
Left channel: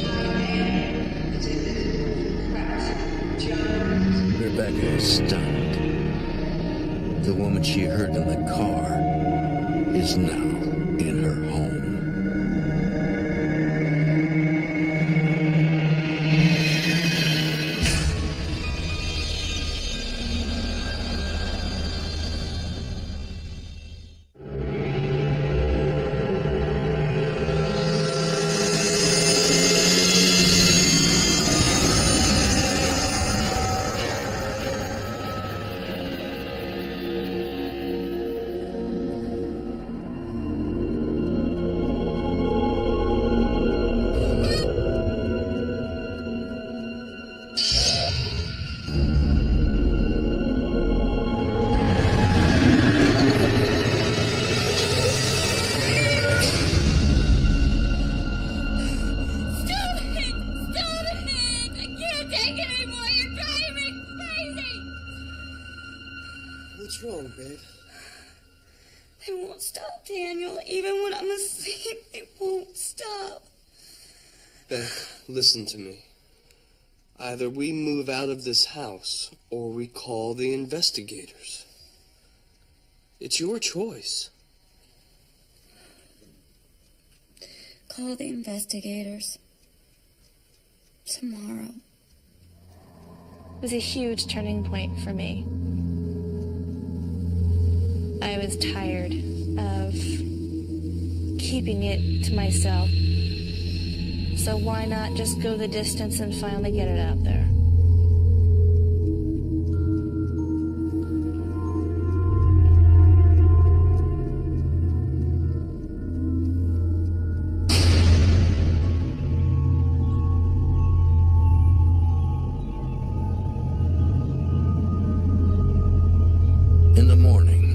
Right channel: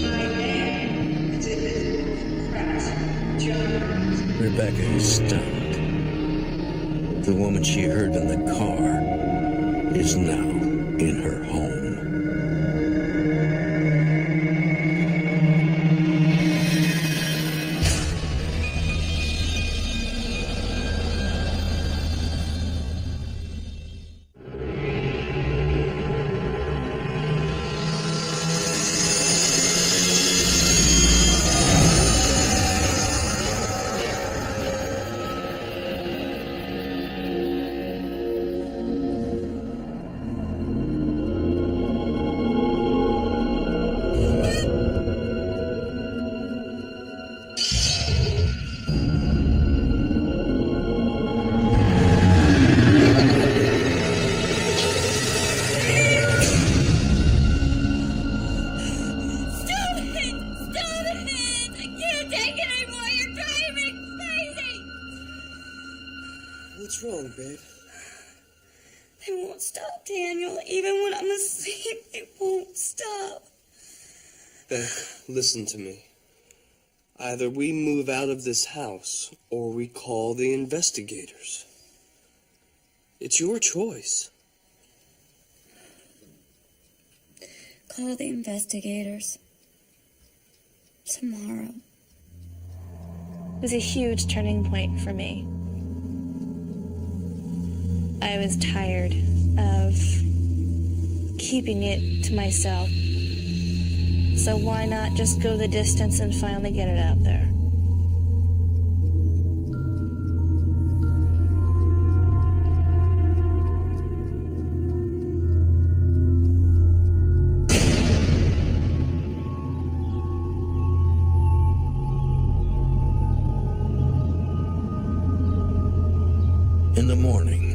My name is Elizabeth Pratt Jones. Rebecca is stunned. The woman she heard in the car is now in her home. What's wrong, babe? They won't stop, Daniel. Even when I'm asleep, they won't stop. Beth, listen to me. Either we move out of this house or we call the investigators. It's your choice. Call the investigators. Tomorrow. It was a huge turning point for me. I was tired of keeping it to myself. So why not just go the distance and finally get it out there? In the morning,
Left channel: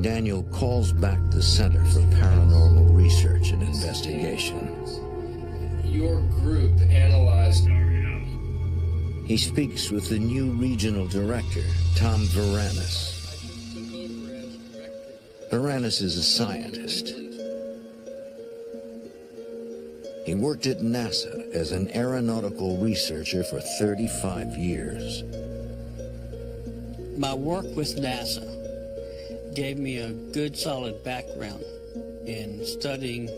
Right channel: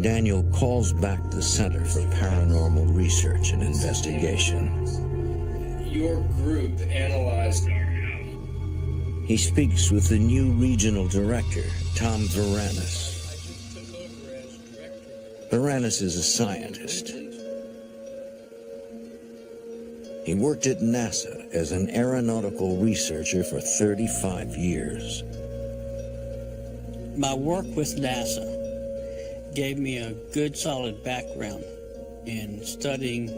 Daniel calls back the Center for Paranormal Research and Investigation. Your group analyzed our house. He speaks with the new regional director, Tom Varanus. I just took over as director. Varanus is a scientist. He worked at NASA as an aeronautical researcher for 35 years. My work with NASA gave me a good solid background in studying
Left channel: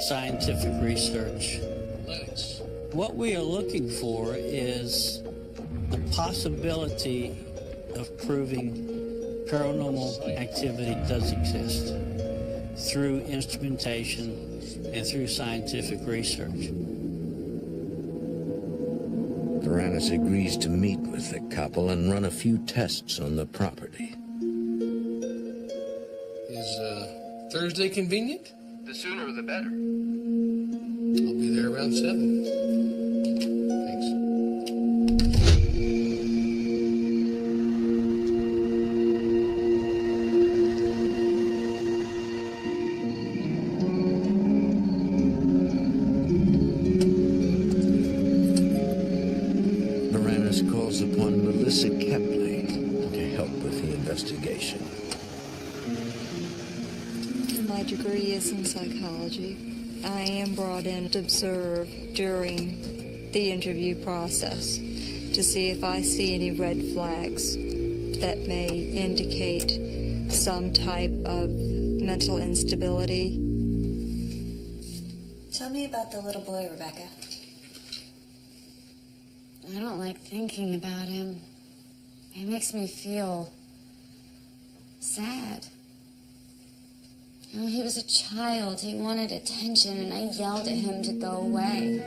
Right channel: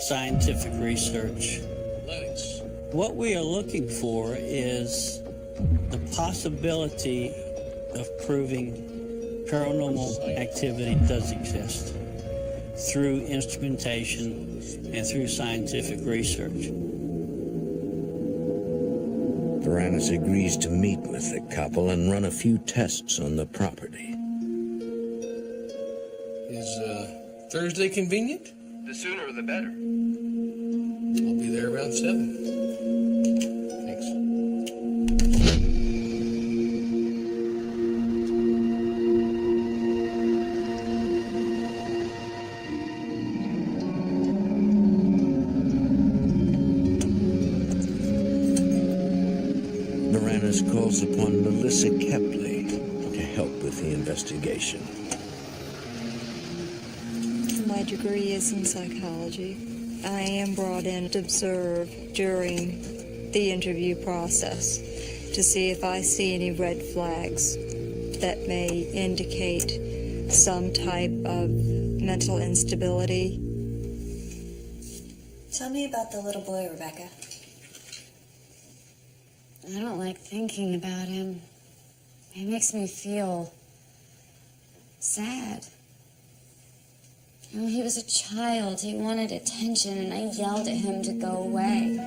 scientific research. What we are looking for is the possibility of proving paranormal activity does exist through instrumentation and through scientific research. Varanus agrees to meet with the couple and run a few tests on the property. Is Thursday convenient? The sooner the better. I'll be there around 7. Thanks. Varanus calls upon Melissa Kepley to help with the investigation. my degree is in psychology, I am brought in to observe during the interview process to see if I see any red flags that may indicate some type of mental instability. Tell me about the little boy, Rebecca. I don't like thinking about him. It makes me feel sad. You know, he was a child. He wanted attention, and I yelled at him to go away.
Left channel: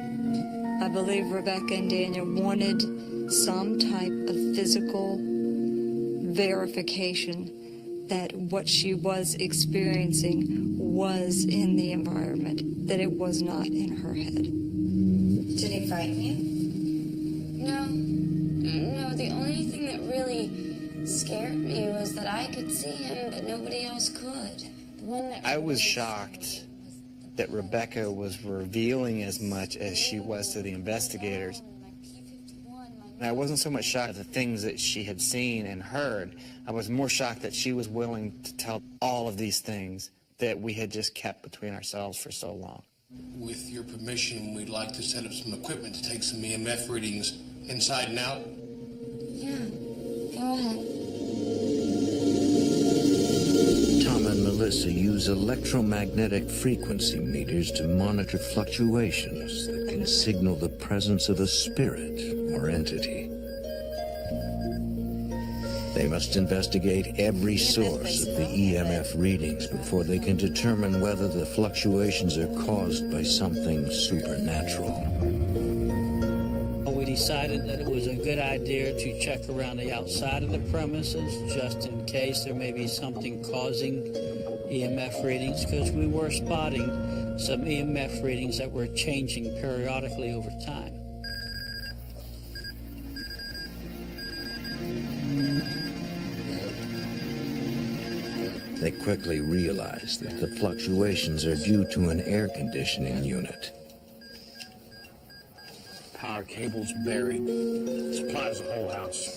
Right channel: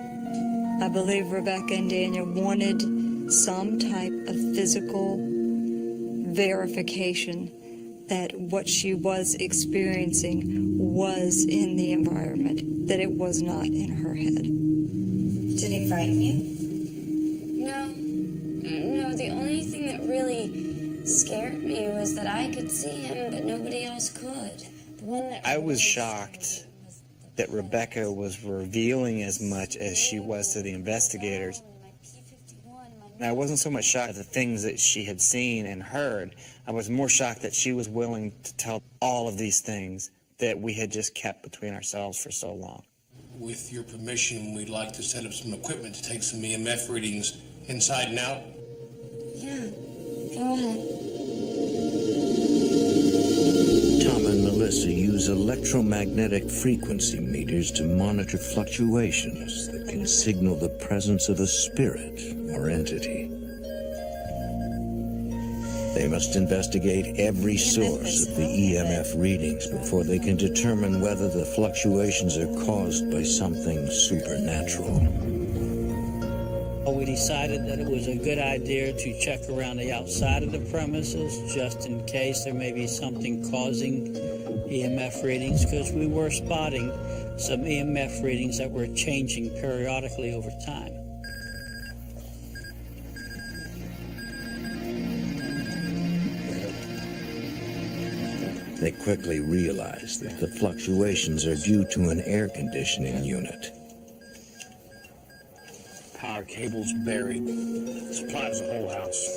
I believe Rebecca and Daniel wanted some type of physical verification that what she was experiencing was in the environment, that it was not in her head. Did he frighten you? No, the only thing that really scared me was that I could see him, but nobody else could. The one that I was shocked that Rebecca was revealing as much as she was to the investigators. And I wasn't so much shocked at the things that she had seen and heard. I was more shocked that she was willing to tell all of these things that we had just kept between ourselves for so long. With your permission, we'd like to set up some equipment to take some EMF readings inside and out. Yeah, go ahead. Tom and Melissa use electromagnetic frequency meters to monitor fluctuations that can signal the presence of a spirit or entity. They must investigate every source of the EMF readings before they can determine whether the fluctuations are caused by something supernatural. We decided that it was a good idea to check around the outside of the premises just in case there may be something causing EMF readings, because we were spotting some EMF readings that were changing periodically over time. They quickly realize that the fluctuations are due to an air conditioning unit. Power cable's buried. Supplies the whole house.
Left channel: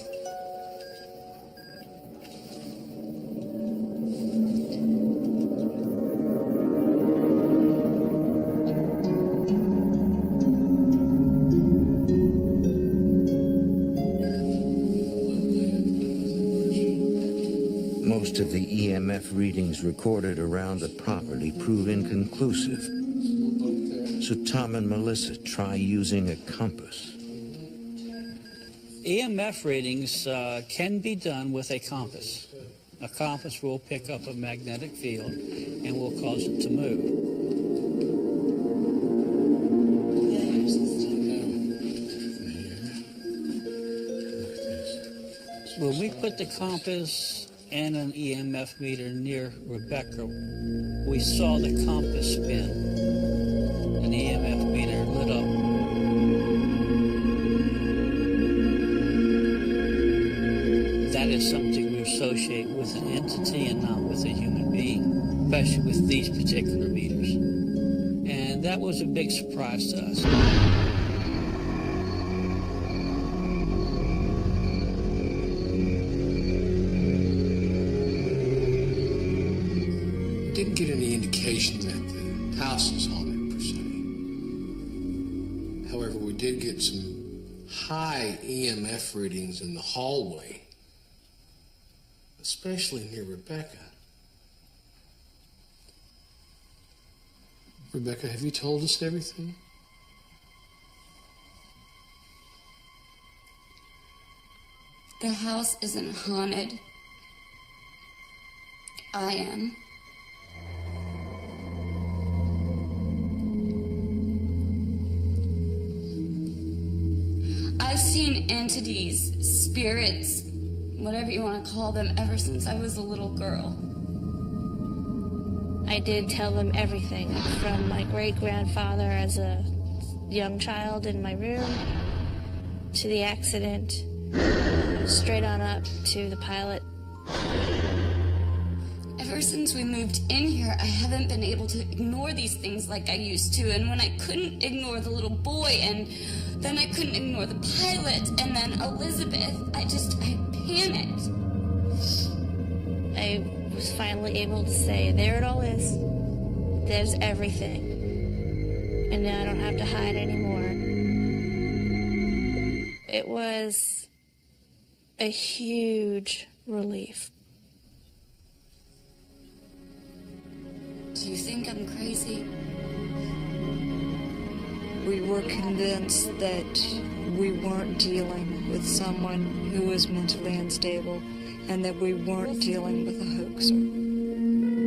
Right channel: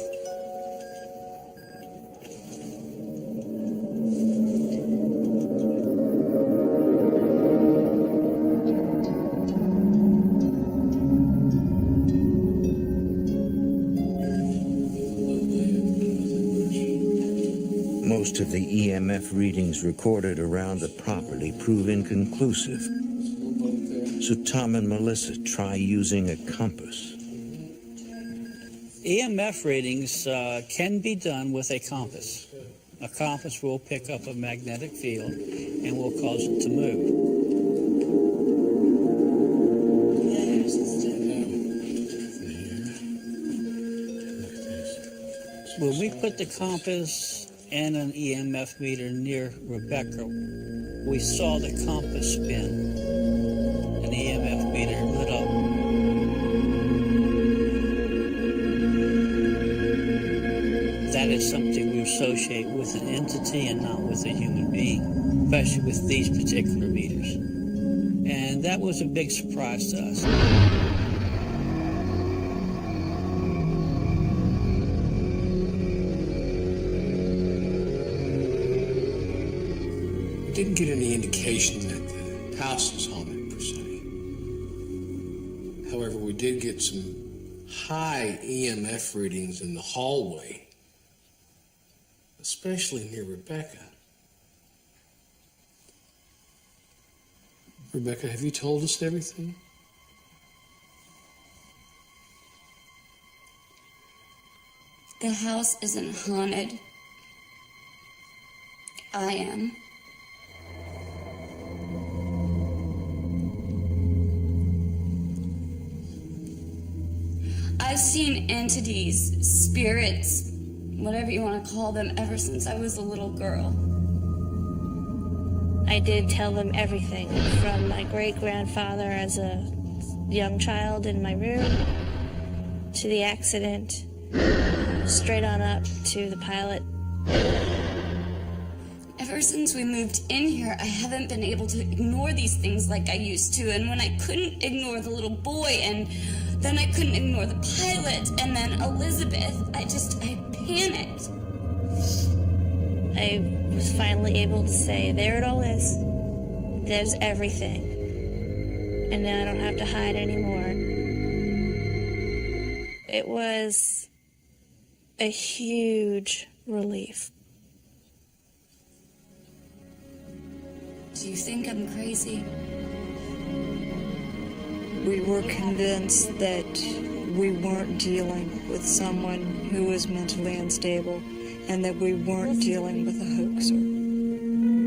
Most of the EMF readings recorded around the property prove inconclusive. So Tom and Melissa try using a compass. EMF readings can be done with a compass. A compass will pick up a magnetic field and will cause it to move. When we put the compass and an EMF meter near Rebecca, we saw the compass spin. An EMF meter lit up. That is something we associate with an entity and not with a human being, especially with these particular meters. And that was a big surprise to us. We didn't get any indication that the house is haunted, per se. However, we did get some high EMF readings in the hallway, especially near Rebecca. Rebecca, have you told us everything? The house isn't haunted. I am. I've seen entities, spirits, whatever you want to call them, ever since I was a little girl. I did tell them everything, from my great-grandfather as a young child in my room, to the accident, straight on up to the pilot. Ever since we moved in here, I haven't been able to ignore these things like I used to. And when I couldn't ignore the little boy, and then I couldn't ignore the pilot, and then Elizabeth, I panicked. I was finally able to say, there it all is. there's everything. And now I don't have to hide anymore. It was a huge relief. Do you think I'm crazy? We were convinced that we weren't dealing with someone who was mentally unstable and that we weren't dealing with a hoaxer.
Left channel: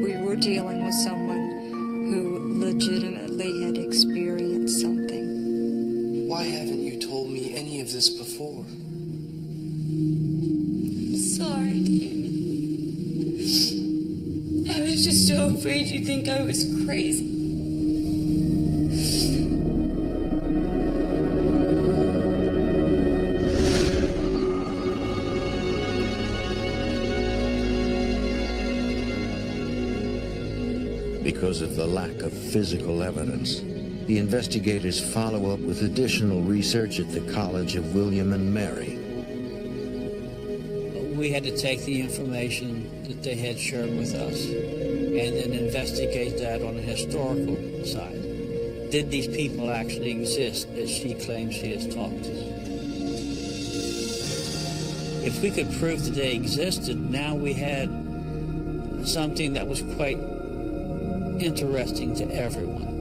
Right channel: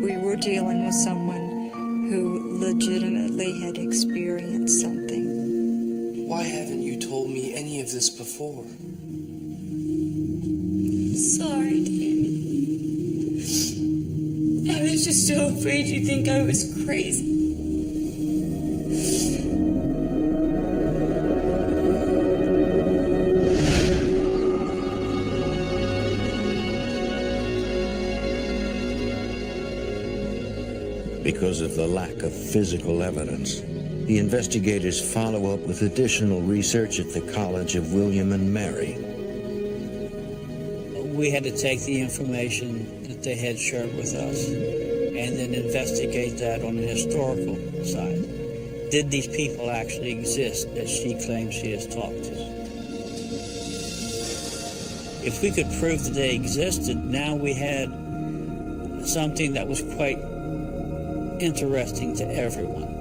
We were dealing with someone who legitimately had experienced something. Why haven't you told me any of this before? Sorry, Danny. I was just so afraid you'd think I was crazy. Because of the lack of physical evidence, the investigators follow up with additional research at the College of William and Mary. We had to take the information that they had shared with us and then investigate that on the historical side. Did these people actually exist that she claims she has talked to? If we could prove that they existed, now we had something that was quite interesting to everyone.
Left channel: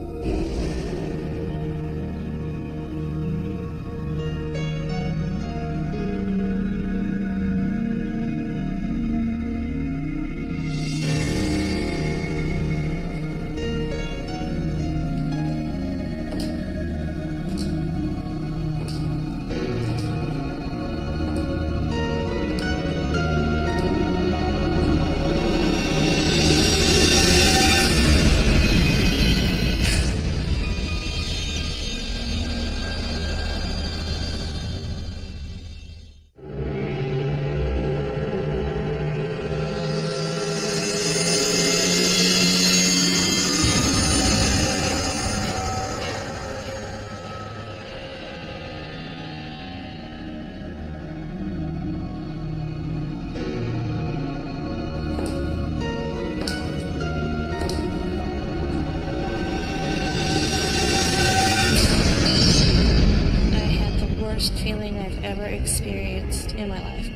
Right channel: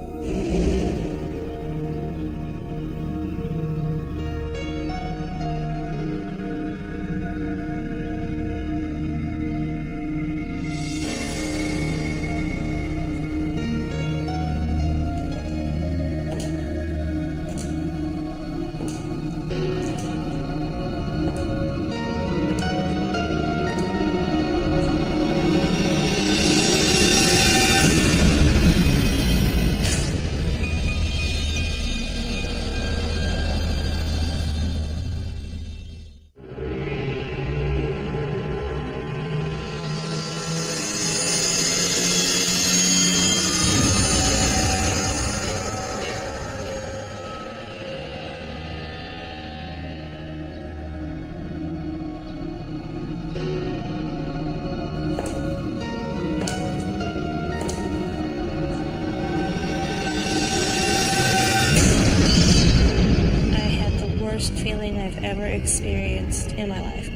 Worst feeling I've ever experienced in my life.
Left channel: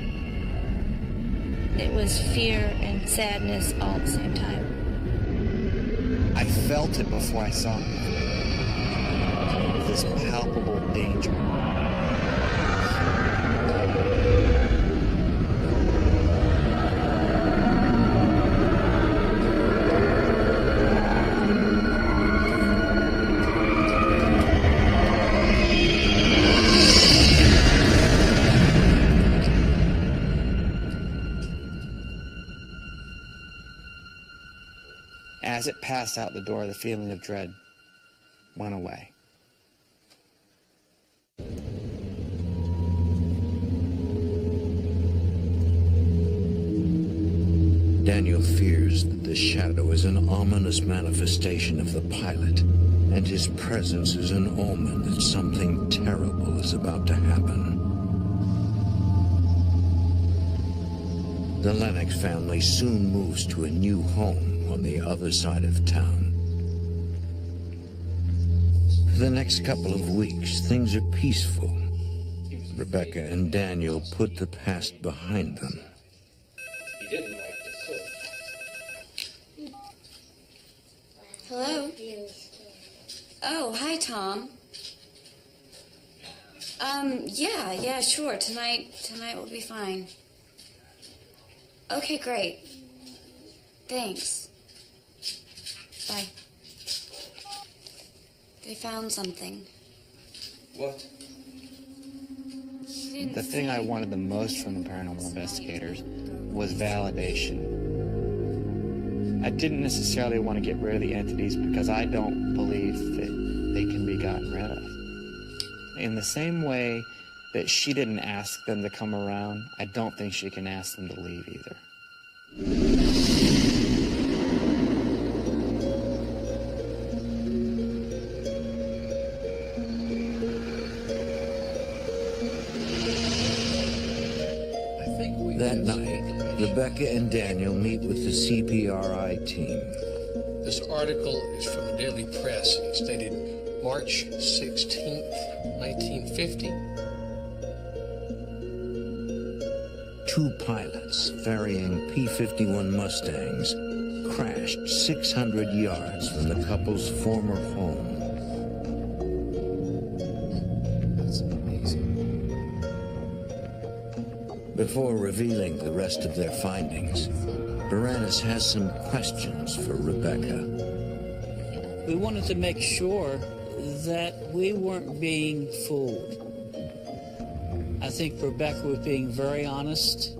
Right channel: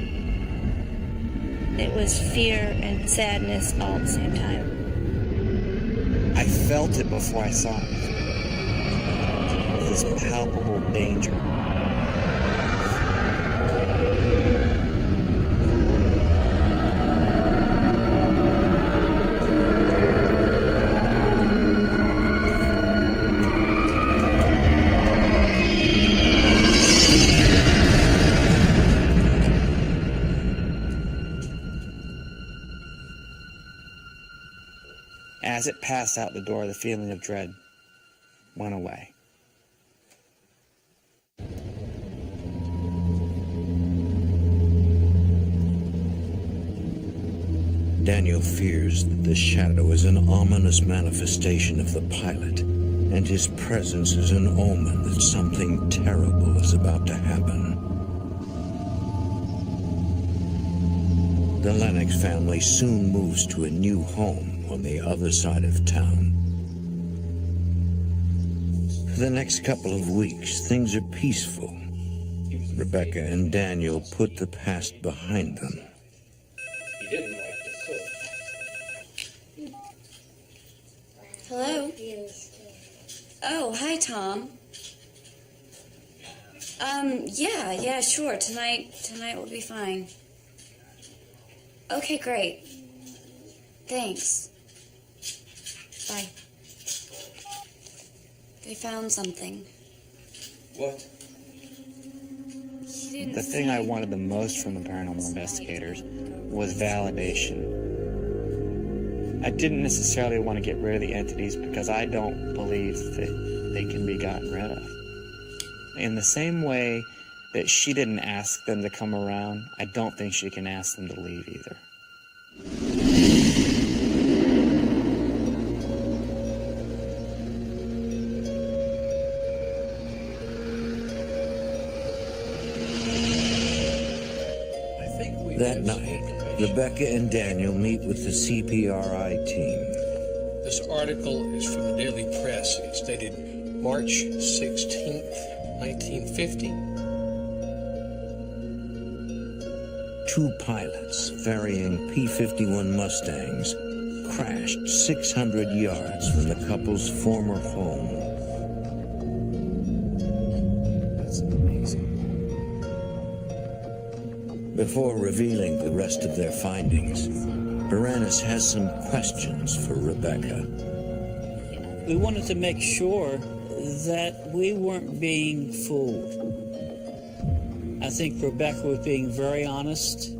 It was fear and sadness all at the same time. I felt it before I saw anything. This palpable danger. As it passed out the door, the feeling of dread went away. Daniel fears that the shadow is an ominous manifestation of the pilot, and his presence is an omen that something terrible is about to happen. The Lennox family soon moves to a new home on the other side of town. For the next couple of weeks, things are peaceful. Rebecca and Daniel put the past behind them. He didn't like the cook. Hello? Oh, hi, Tom. Yeah, sure. Tonight will be fine. Okay, great. Thanks. Bye. They found something. What? The thing I wanted the most from the paranormal investigators was validation. I didn't necessarily want to get rid of the entities because I don't believe that they can be gotten rid of. In the same way that she didn't ask them to come around, I don't think she can ask them to leave either. That night, Rebecca and Daniel meet with the CPRI team. This article is from the Daily Press. It's dated March 16th, 1950. Two pilots ferrying P-51 Mustangs crashed 600 yards from the couple's former home. That's amazing. Before revealing the rest of their findings, Baranis has some questions for Rebecca. We wanted to make sure that we weren't being fooled. I think Rebecca was being very honest,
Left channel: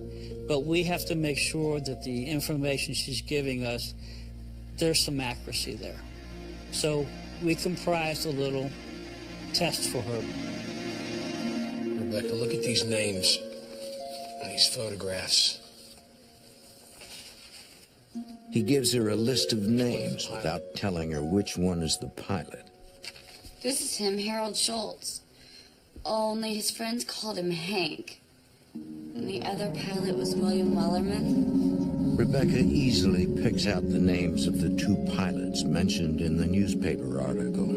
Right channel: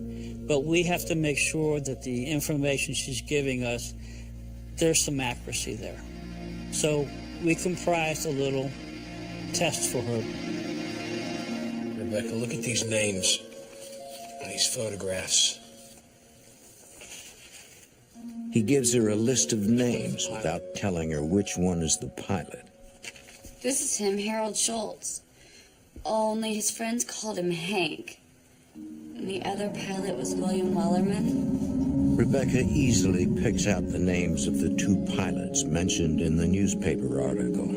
but we have to make sure that the information she's giving us, there's some accuracy there. So we comprised a little test for her. Rebecca, look at these names and these photographs. He gives her a list of names without telling her which one is the pilot. This is him, Harold Schultz. Only his friends called him Hank. And the other pilot was William Wellerman. Rebecca easily picks out the names of the two pilots mentioned in the newspaper article.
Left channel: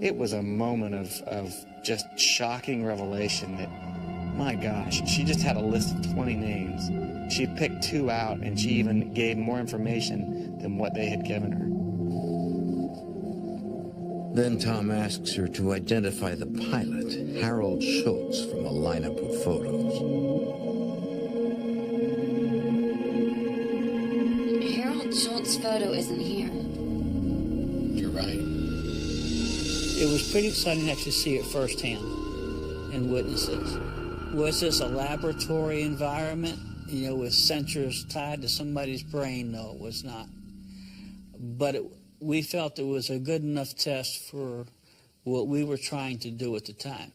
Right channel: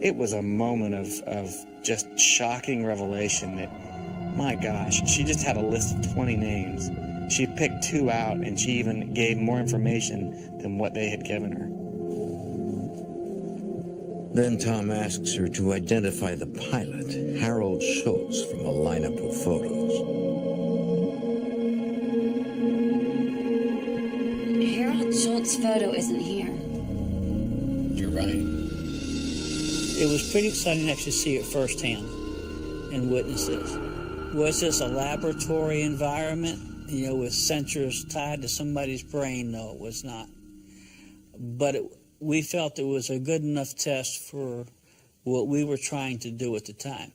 It was a moment of just shocking revelation that, my gosh, she just had a list of 20 names. She picked two out, and she even gave more information than what they had given her. Then Tom asks her to identify the pilot, Harold Schultz, from a lineup of photos. Harold Schultz's photo isn't here. You're right. It was pretty exciting to actually see it firsthand and witness this. Was this a laboratory environment, with sensors tied to somebody's brain? No, it was not. But we felt it was a good enough test for what we were trying to do at the time.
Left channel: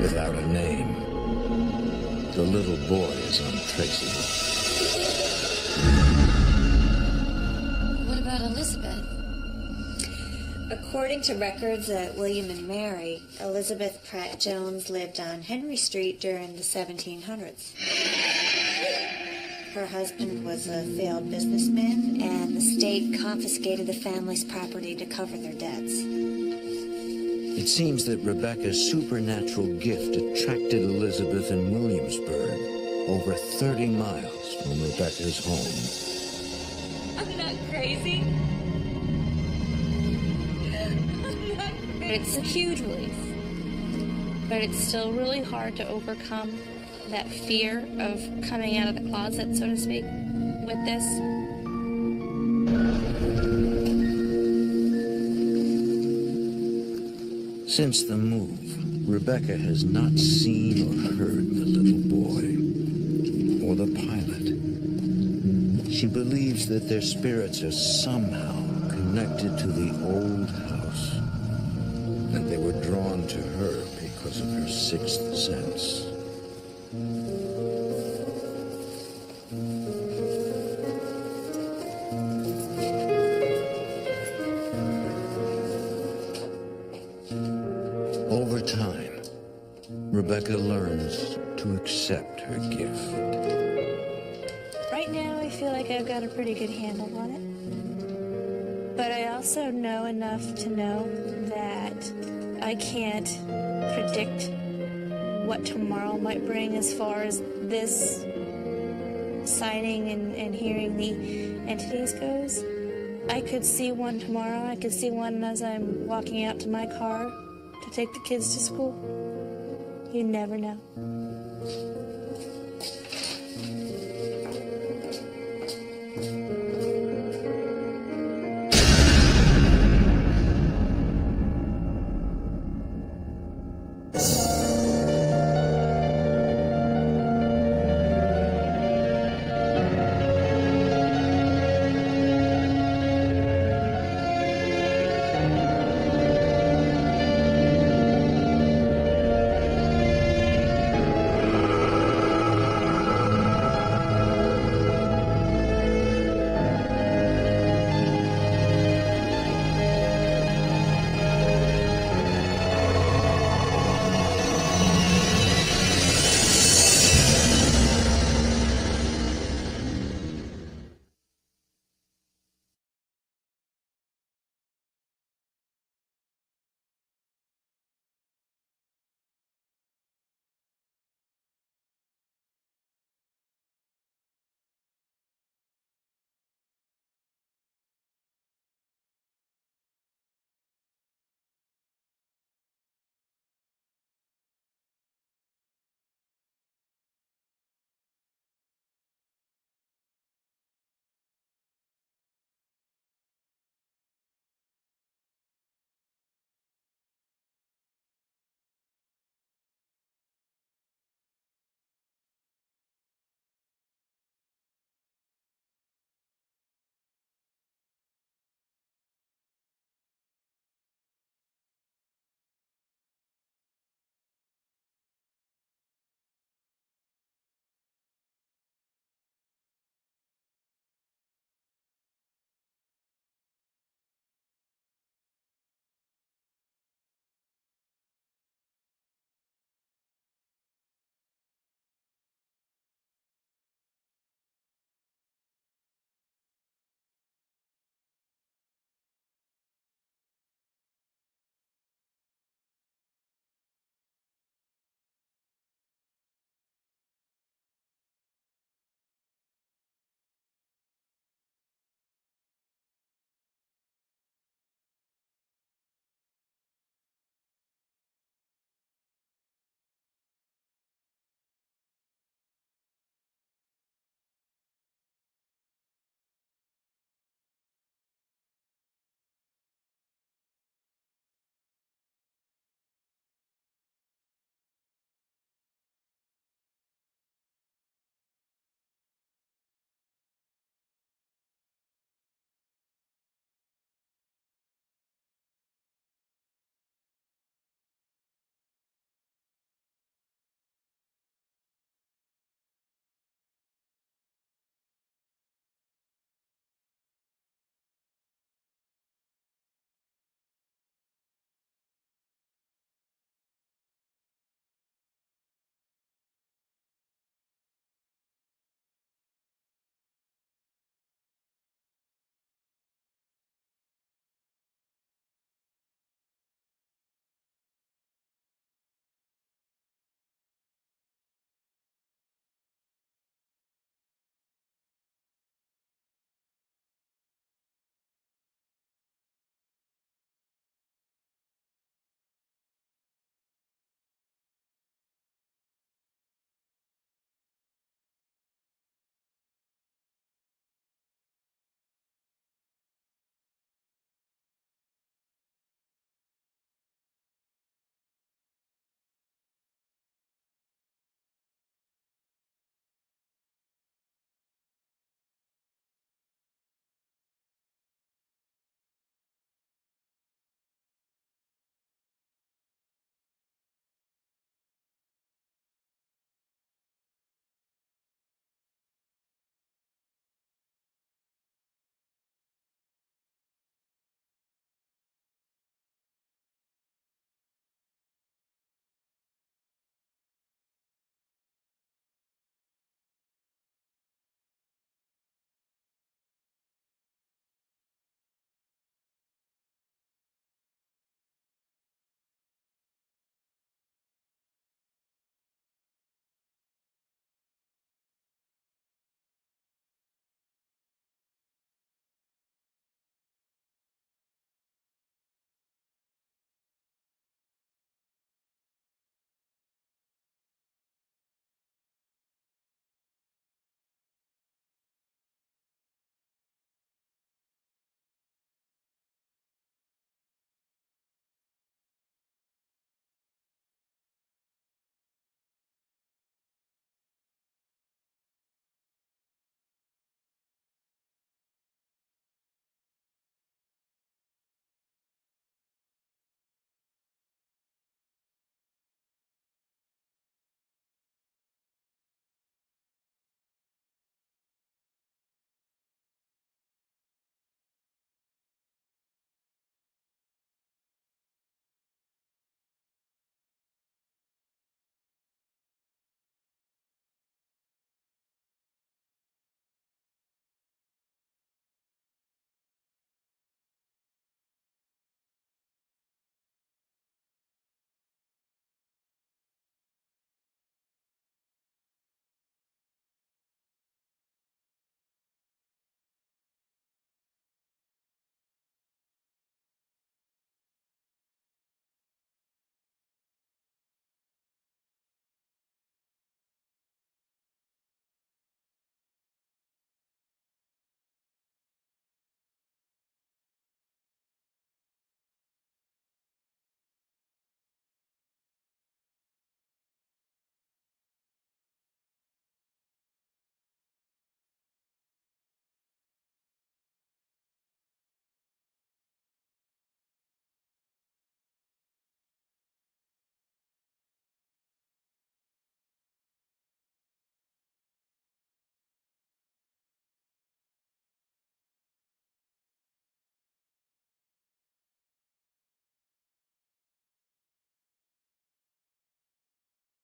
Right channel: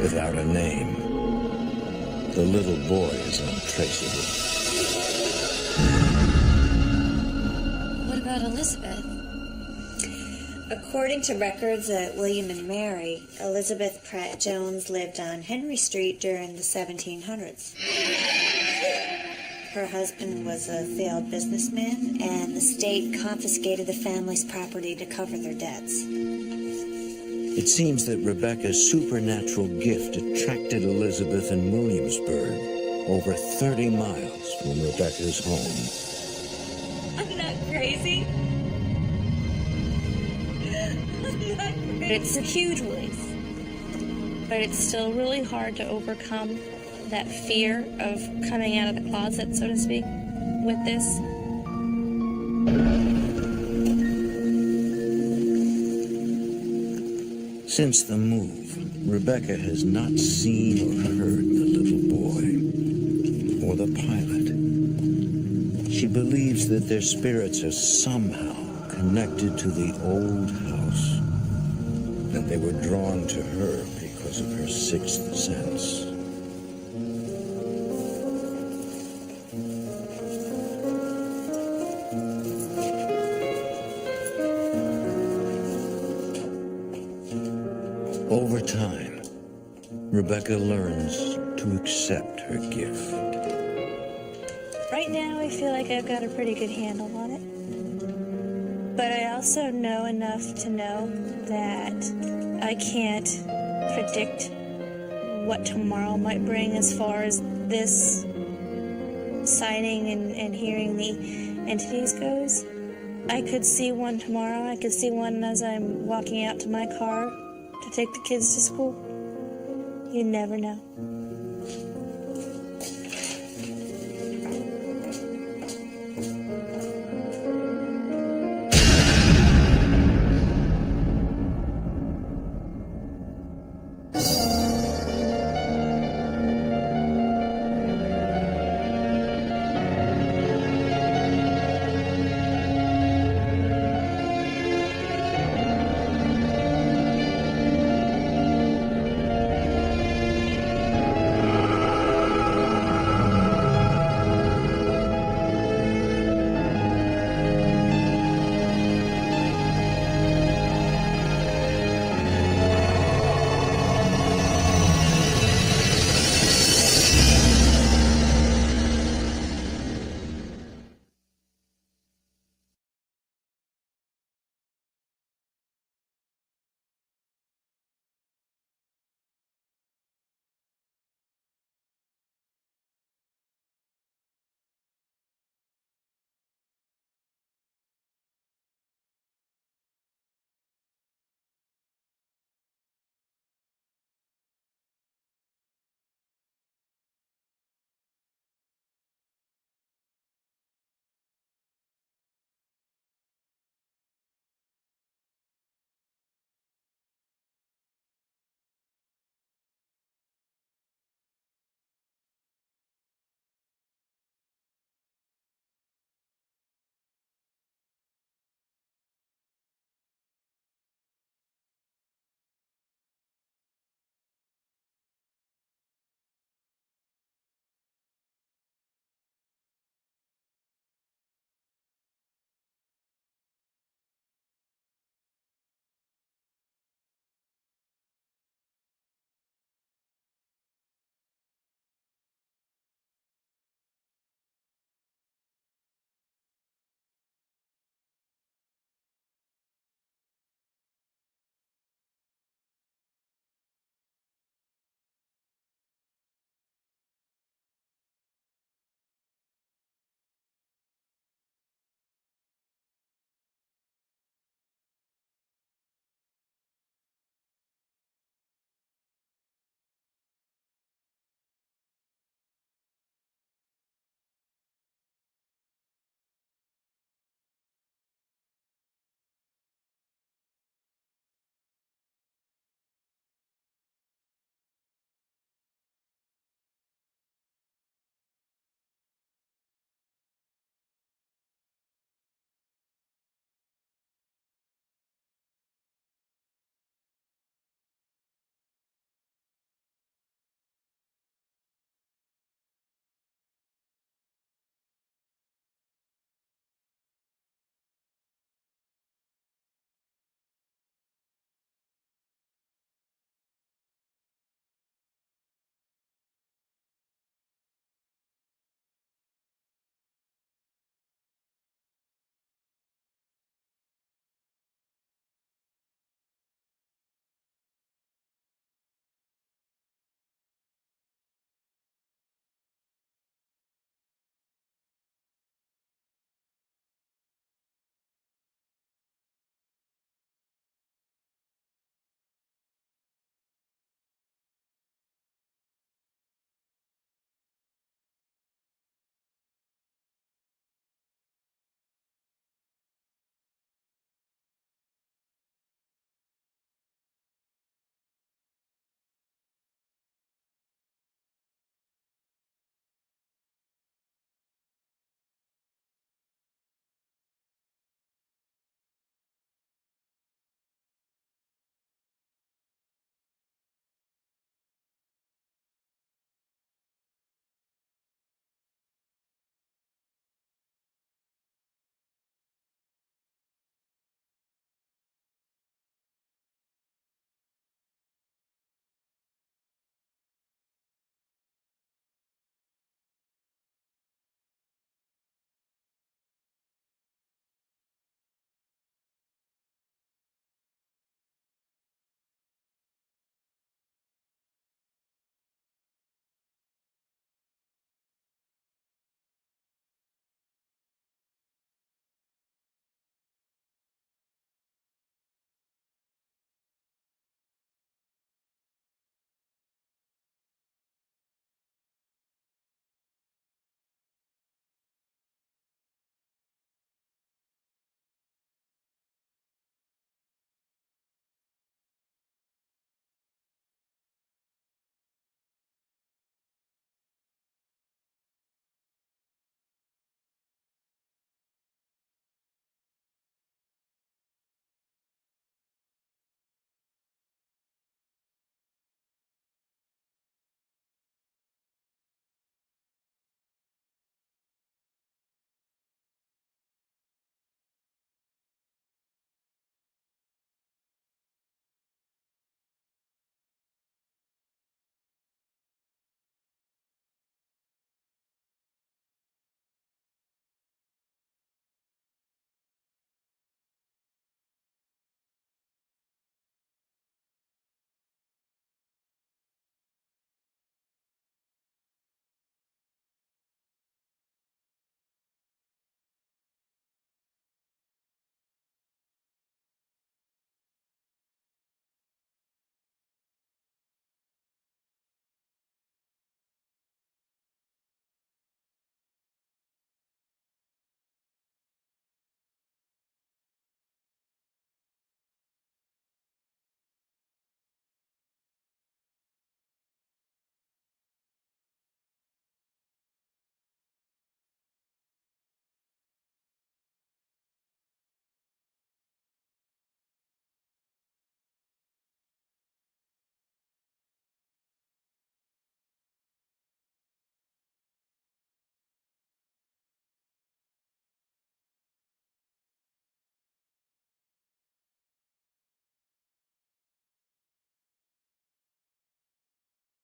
Without a name, the little boy is untraceable. What about Elizabeth? According to records at William and Mary, Elizabeth Pratt Jones lived on Henry Street during the 1700s. Her husband was a failed businessman, and the state confiscated the family's property to cover their debts. It seems that Rebecca's supernatural gift attracted Elizabeth in Williamsburg, over 30 miles from Rebecca's home. I'm not crazy. It's a huge relief, but it's still really hard to overcome that fear of coming out of the closet, so to speak, with this. Since the move, Rebecca has not seen or heard the little boy or the pilot. She believes that their spirits are somehow connected to the old house, and they were drawn to her because of her sixth sense. Over time, Rebecca learns to accept her gift. Right now, I feel like I've got a pretty good handle on it. But I also know enough to know that I can't predict what tomorrow might bring as far as this sighting and hearing the entities goes. I could see one tomorrow. I could see one as I'm walking out to my car to take the kids to school. You never know.